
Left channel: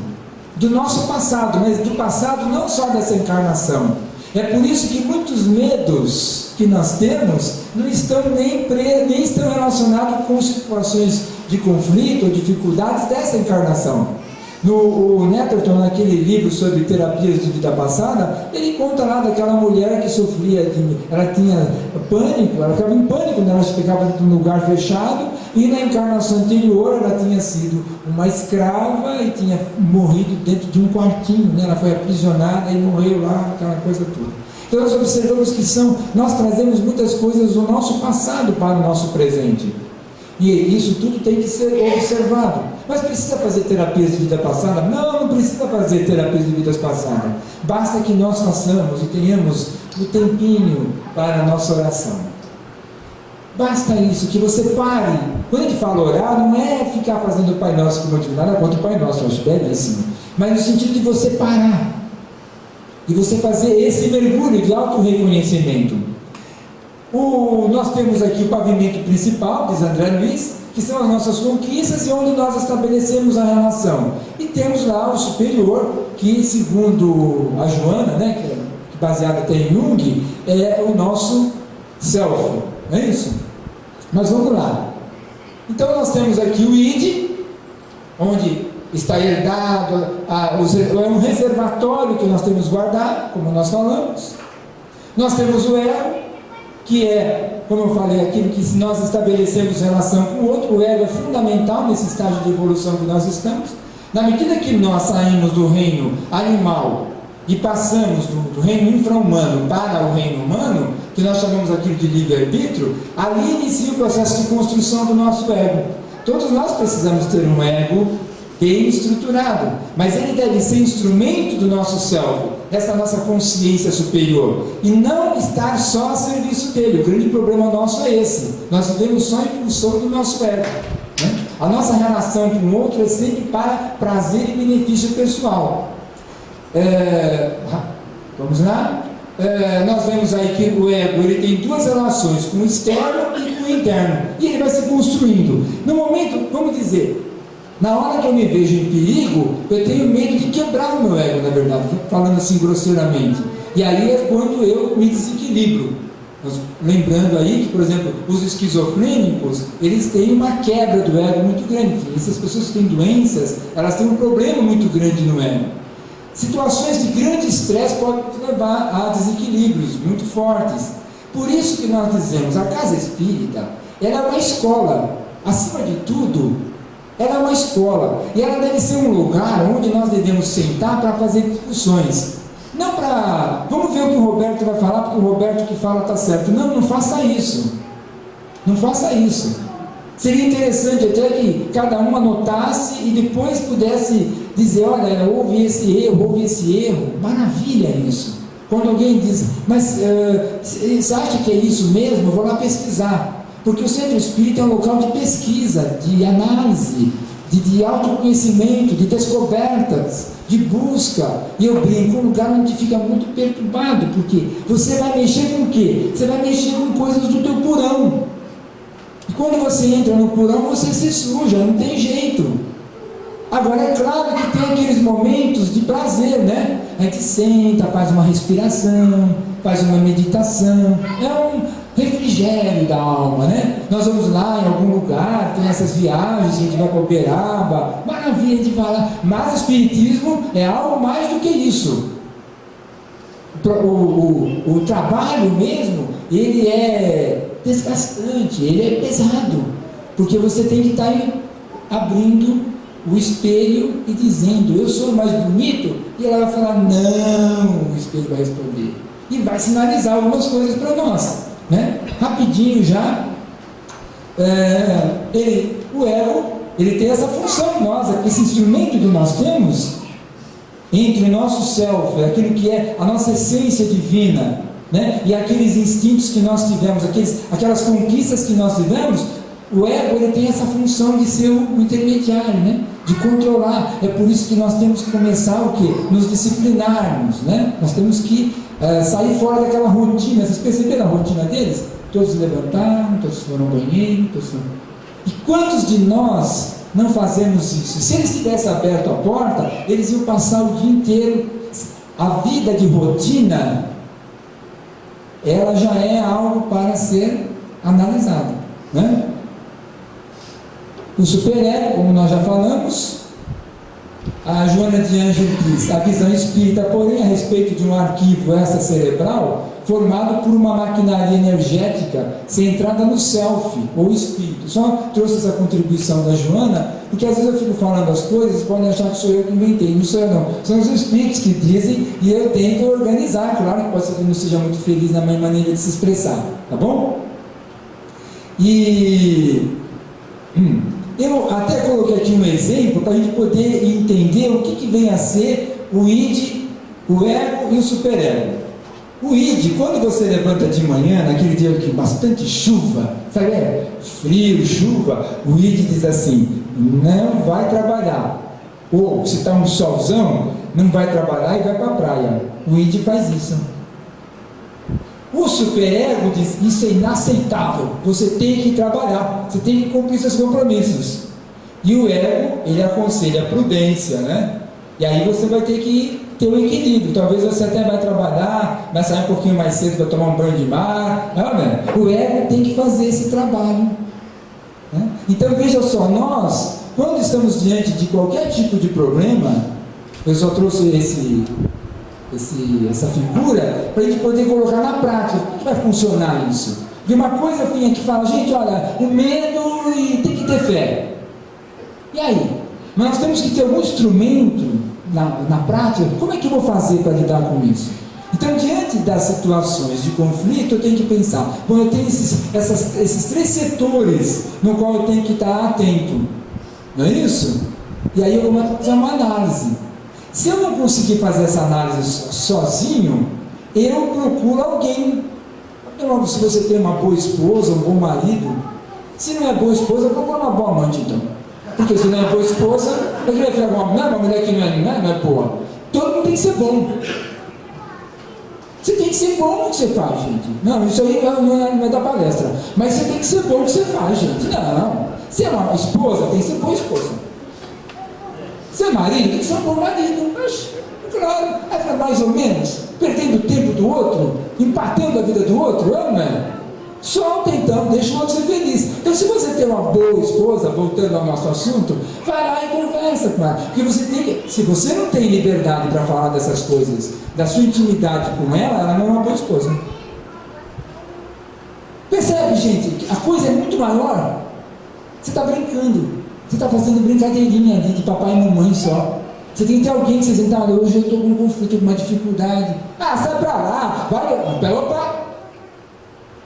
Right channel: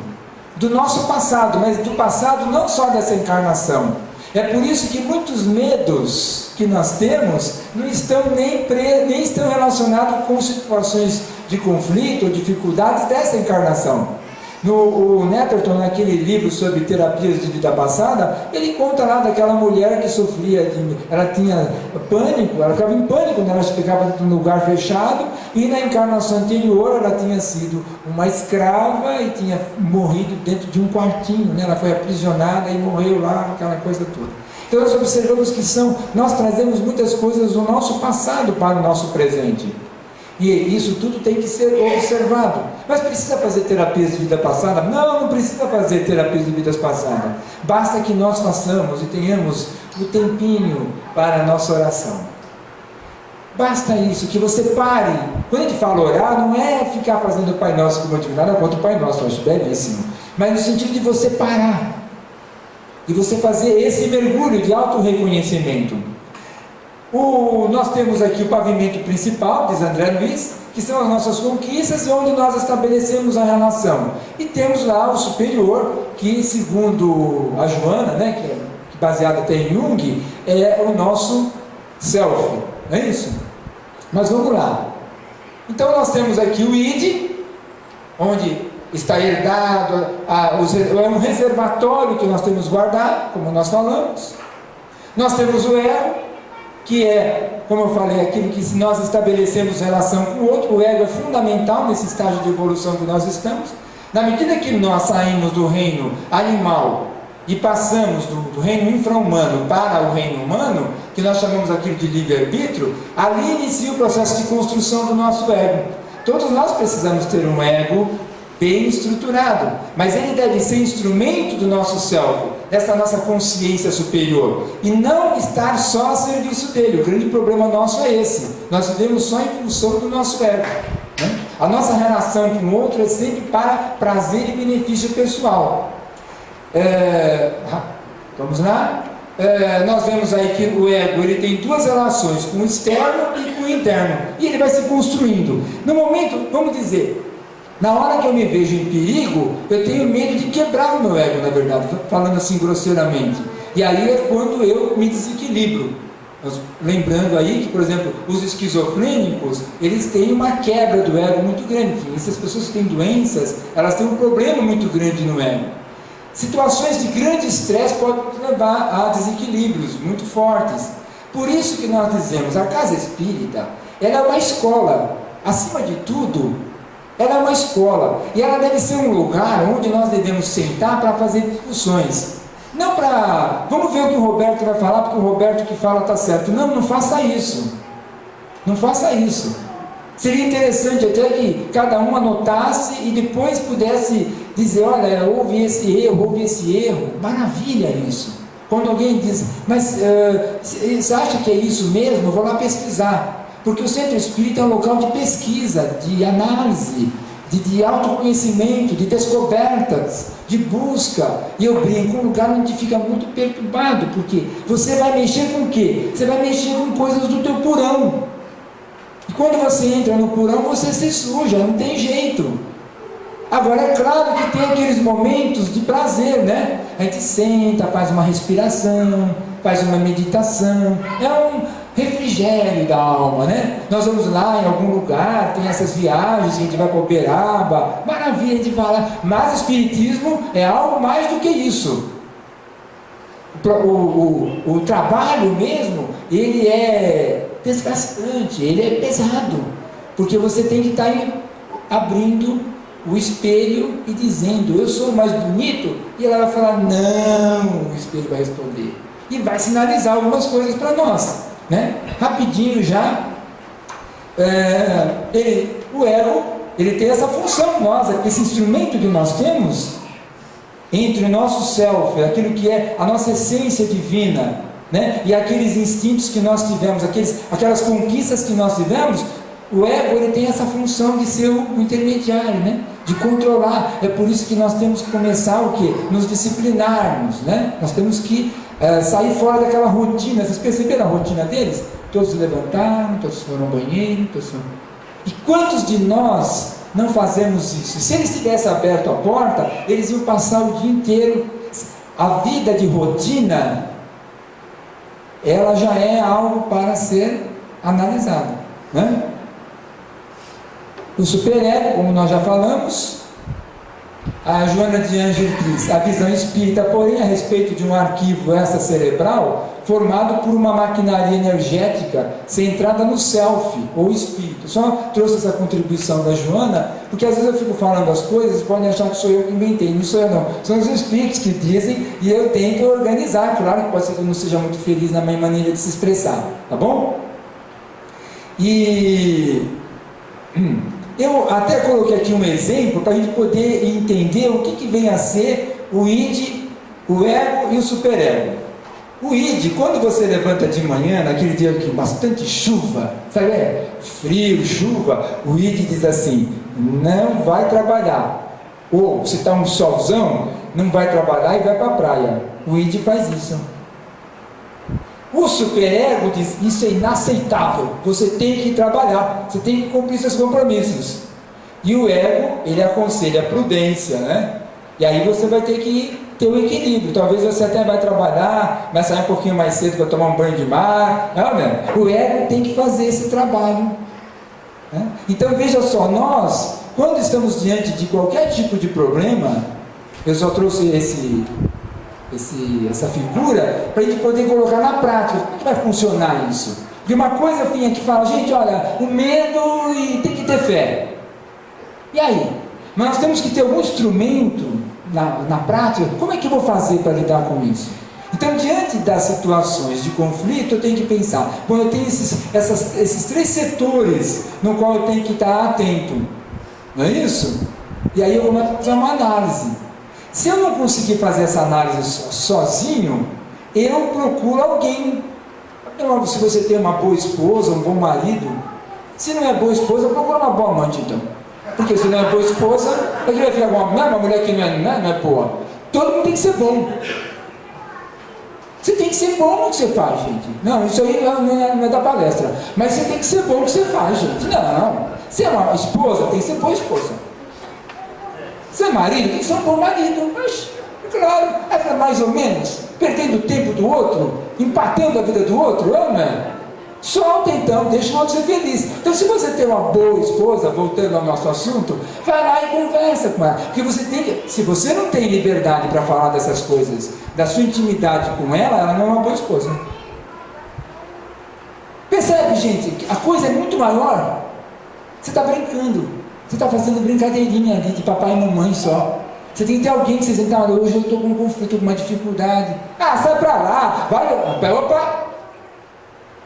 do nosso passado, mas do passado não só dessa encarnação. É por isso que muitos medos que nós temos não estão nem estão relacionados com situações de conflito ou dificuldades dessa encarnação. O Netterton, naquele livro sobre terapias de vida passada, ele conta lá daquela mulher que sofria, ela tinha pânico, ela ficava em pânico quando ela ficava num lugar fechado, e na encarnação anterior ela tinha sido uma escrava e tinha morrido dentro de um quartinho, né? Ela foi aprisionada e morreu lá, aquela coisa toda. Então nós observamos que nós trazemos muitas coisas do nosso passado para o nosso presente. E isso tudo tem que ser observado. Mas precisa fazer terapias de vida passada? Não precisa fazer terapias de vidas passadas. Basta que nós façamos e tenhamos o tempinho para a nossa oração. Basta isso, que você pare. Quando a gente fala orar, não é ficar fazendo o Pai Nosso, como eu digo, nada contra o Pai Nosso, eu acho belíssimo. Mas no sentido de você parar. de você fazer esse mergulho de auto-reconhecimento. Nós temos aqui o pavimento principal, diz André Luiz, que são as nossas conquistas e onde nós estabelecemos a relação. E temos lá o superior, que segundo a Joana, né, que é baseado até em Jung, é o nosso self, não é isso? Mas vamos lá. Então nós temos aqui o id, onde está herdado, é um reservatório que nós temos guardado, como nós falamos. Nós temos o ego, que é, como eu falei, aquilo que se nós estabelecemos relação com o outro. O ego é fundamental nesse estágio de evolução que nós estamos. Na medida que nós saímos do reino animal e passamos do reino infra-humano para o reino humano, que nós chamamos aquilo de livre-arbítrio, ali inicia o processo de construção do nosso ego. Todos nós precisamos ter um ego bem estruturado, mas ele deve ser instrumento do nosso self, dessa nossa consciência superior, e não estar só a serviço dele. O grande problema nosso é esse: nós vivemos só em função do nosso ego, né? A nossa relação com o outro é sempre para prazer e benefício pessoal. Vamos lá? Nós vemos aí que o ego ele tem duas relações, com o externo e com o interno, e ele vai se construindo. No momento, vamos dizer, na hora que eu me vejo em perigo, eu tenho medo de quebrar o meu ego, na verdade, falando assim grosseiramente. E aí é quando eu me desequilibro. Lembrando aí que, por exemplo, os esquizofrênicos, eles têm uma quebra do ego muito grande. Essas pessoas que têm doenças, elas têm um problema muito grande no ego. Situações de grande estresse podem levar a desequilíbrios muito fortes. Por isso que nós dizemos, a casa espírita, ela é uma escola. Acima de tudo, ela é uma escola, e ela deve ser um lugar onde nós devemos sentar para fazer discussões. Não para, vamos ver o que o Roberto vai falar, porque o Roberto que fala está certo. Não, não faça isso. Não faça isso. Seria interessante até que cada um anotasse e depois pudesse dizer, olha, houve esse erro. Maravilha isso. Quando alguém diz, mas você acha que é isso mesmo? Eu vou lá pesquisar. Porque o centro espírita é um local de pesquisa, de análise, de autoconhecimento, de descobertas, de busca. E eu brinco, um lugar onde fica muito perturbado, porque você vai mexer com o quê? Você vai mexer com coisas do teu porão. E quando você entra no porão, você se suja, não tem jeito. Agora é claro que tem aqueles momentos de prazer, né? A gente senta, faz uma respiração, faz uma meditação, é um refrigério da alma, né? Nós vamos lá em algum lugar, tem essas viagens, a gente vai para Uberaba, maravilha, a gente vai lá, mas o espiritismo é algo mais do que isso. O trabalho mesmo, ele é desgastante, ele é pesado, porque você tem que estar abrindo o espelho e dizendo, eu sou mais bonito, e ela vai falar, não, o espelho vai responder, e vai sinalizar algumas coisas para nós, né? Rapidinho já, o ego, ele tem essa função em nós, esse instrumento que nós temos, entre o nosso self, aquilo que é a nossa essência divina, né? E aqueles instintos que nós tivemos, aquelas conquistas que nós tivemos, o ego ele tem essa função de ser o intermediário, né? De controlar. É por isso que nós temos que começar o quê? Nos disciplinarmos, né? Nós temos que sair fora daquela rotina. Vocês perceberam a rotina deles? Todos se levantaram, todos foram ao banheiro, E quantos de nós não fazemos isso? Se eles tivessem aberto a porta, eles iam passar o dia inteiro. A vida de rotina, ela já é algo para ser analisado, né? O superego, como nós já falamos, a Joana de Ângelo diz, a visão espírita, porém, a respeito de um arquivo extracerebral formado por uma maquinaria energética centrada no self, ou espírito. Só trouxe essa contribuição da Joana, porque às vezes eu fico falando as coisas, podem achar que sou eu que inventei, não sou eu não, são os espíritos que dizem, e eu tento organizar. Claro que pode ser que eu não seja muito feliz na minha maneira de se expressar, tá bom? Eu até coloquei aqui um exemplo para a gente poder entender o que vem a ser o id, o ego e o superego. O id, quando você levanta de manhã, naquele dia que bastante chuva, sabe, frio, chuva, o id diz assim, não vai trabalhar. Ou se está um solzão, não vai trabalhar e vai para a praia. O id faz isso. O superego diz, isso é inaceitável, você tem que trabalhar, você tem que cumprir seus compromissos. E o ego, ele aconselha a prudência, né? E aí você vai ter que ter um equilíbrio. Talvez você até vai trabalhar, vai sair um pouquinho mais cedo para tomar um banho de mar. Não, né? O ego tem que fazer esse trabalho, né? Então veja só, nós, quando estamos diante de qualquer tipo de problema, eu só trouxe essa figura para a gente poder colocar na prática. Como que vai funcionar isso? De uma coisa que fala, gente, olha, o medo e tem que ter fé. E aí? Mas nós temos que ter algum instrumento na prática. Como é que eu vou fazer para lidar com isso? Então, diante das situações de conflito, eu tenho que pensar, bom, eu tenho esses 3 setores no qual eu tenho que estar atento, não é isso? E aí eu começo a fazer uma análise. Se eu não conseguir fazer essa análise sozinho, eu procuro alguém. Se você tem uma boa esposa, um bom marido, se não é boa esposa, procura uma boa amante então. Porque se não é boa esposa, a gente vai ficar com uma mulher que não é boa. Todo mundo tem que ser bom. Você tem que ser bom no que você faz, gente. Não, isso aí não é da palestra. Mas você tem que ser bom no que você faz, gente. Não. Se é uma esposa, tem que ser boa esposa. Se é marido, tem que ser um bom marido. Mas, claro, é mais ou menos, perdendo o tempo do outro, empatando a vida do outro, não é? Solta então, deixa o outro ser feliz. Então, se você tem uma boa esposa, voltando ao nosso assunto, vai lá e conversa com ela. Porque se você não tem liberdade para falar dessas coisas, da sua intimidade com ela não é uma boa esposa. Percebe, gente? A coisa é muito maior. Você está brincando. Você está fazendo brincadeirinha ali de papai e mamãe só. Você tem que ter alguém que você diz, hoje eu estou com um conflito, com uma dificuldade. Sai para lá. Vai, opa.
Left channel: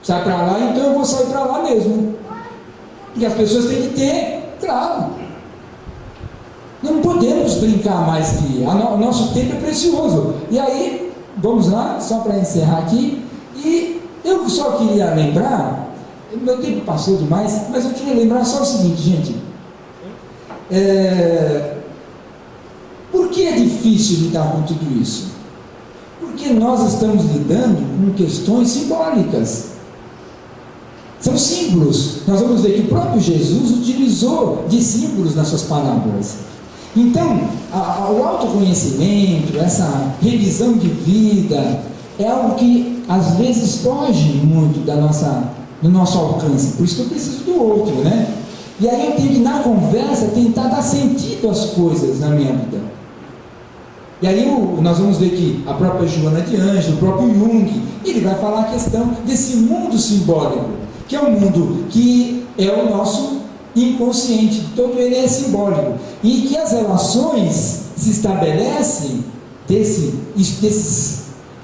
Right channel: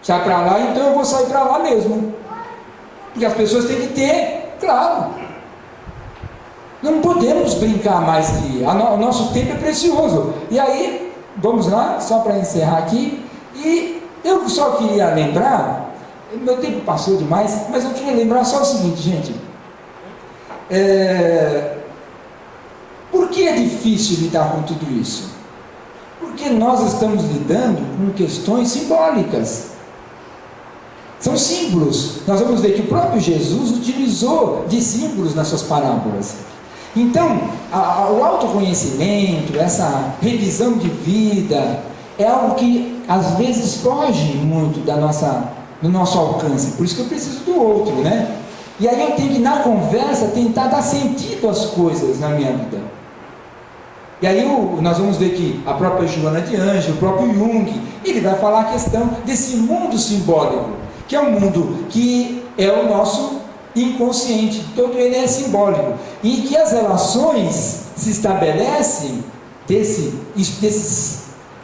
Sai para lá, então eu vou sair para lá mesmo. Porque as pessoas têm que ter, claro. Não podemos brincar mais que o nosso tempo é precioso. E aí, vamos lá, só para encerrar aqui. E eu só queria lembrar, meu tempo passou demais, mas eu queria lembrar só o seguinte, gente. Por que é difícil lidar com tudo isso? Porque nós estamos lidando com questões simbólicas. São símbolos. Nós vamos ver que o próprio Jesus utilizou de símbolos nas suas parábolas. Então, o autoconhecimento, essa revisão de vida, é algo que às vezes foge muito do nosso alcance. Por isso que eu preciso do outro, né? E aí eu tenho que, na conversa, tentar dar sentido às coisas na minha vida. E aí nós vamos ver que a própria Joana de Ângelo, o próprio Jung, ele vai falar a questão desse mundo simbólico, que é um mundo que é o nosso inconsciente, todo ele é simbólico, e que as relações se estabelecem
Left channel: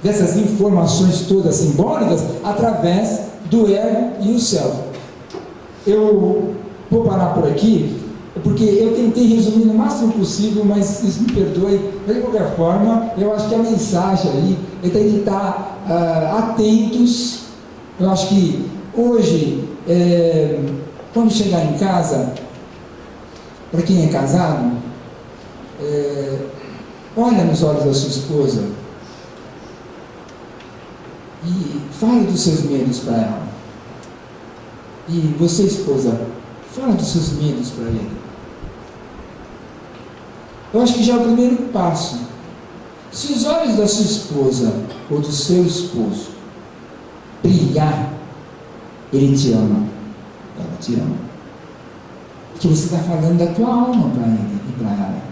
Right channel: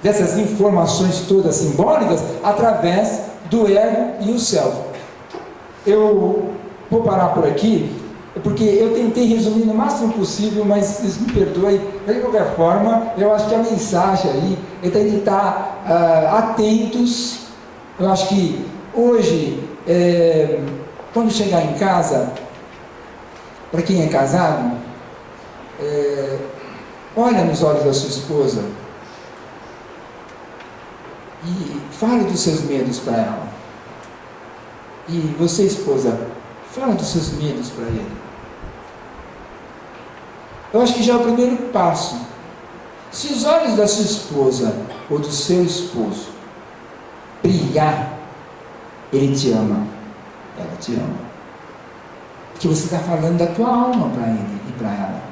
dessas informações todas simbólicas através do ego e o self. Eu vou parar por aqui, porque eu tentei resumir no máximo possível, mas vocês me perdoem, de qualquer forma, eu acho que a mensagem aí é tem que estar atentos. Eu acho que hoje, quando chegar em casa, para quem é casado, olha nos olhos da sua esposa e fale dos seus medos para ela. E você, esposa, fala dos seus medos para ele. Eu acho que já é o primeiro passo. Se os olhos da sua esposa ou do seu esposo brilhar, ele te ama, ela te ama, porque você está falando da tua alma para ele e para ela.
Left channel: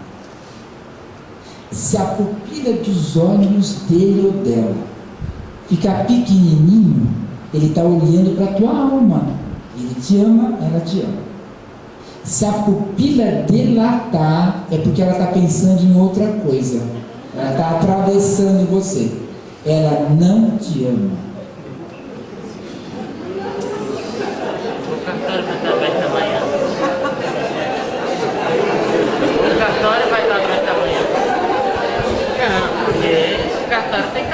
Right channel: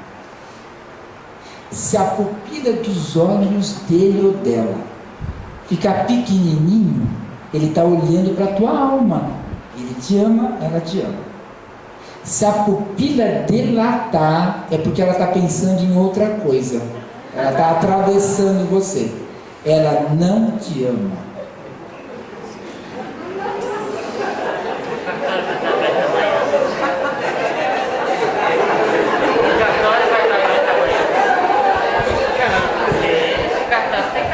Se a pupila dos olhos dele ou dela ficar pequenininho, ele está olhando para a tua alma. Ele te ama, ela te ama. Se a pupila dilatar, é porque ela está pensando em outra coisa. Ela está atravessando você. Ela não te ama.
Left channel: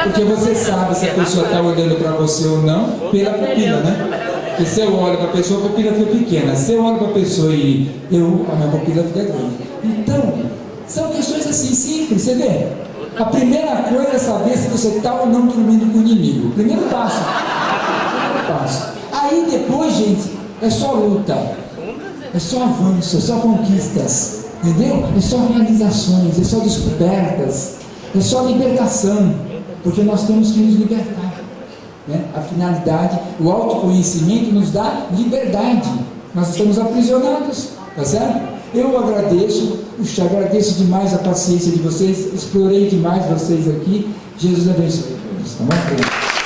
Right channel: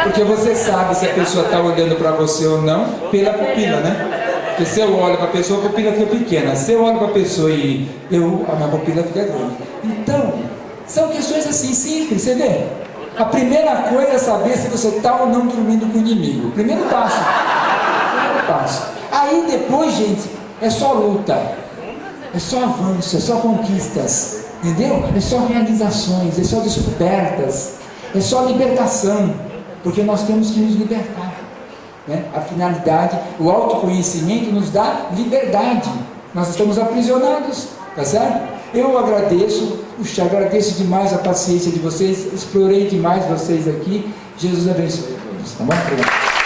Porque você sabe se a pessoa está olhando para você ou não pela pupila, né? Porque se eu olho para a pessoa, a pupila fica pequena. Se eu olho para a pessoa e a minha pupila fica grande. Então, São questões assim simples, você vê? A primeira coisa é saber se você está ou não dormindo com o inimigo. Primeiro passo. Primeiro passo. Aí depois, gente, é só luta, é só avanço, é só conquistas, entendeu? É só realizações, é só descobertas, é só libertação, porque nós temos que nos libertar, né? A finalidade, o autoconhecimento nos dá liberdade. Nós estamos aprisionados, tá certo? Eu agradeço demais a paciência de vocês, explorei demais vocês aqui. Jesus abençoe todos, tá bom?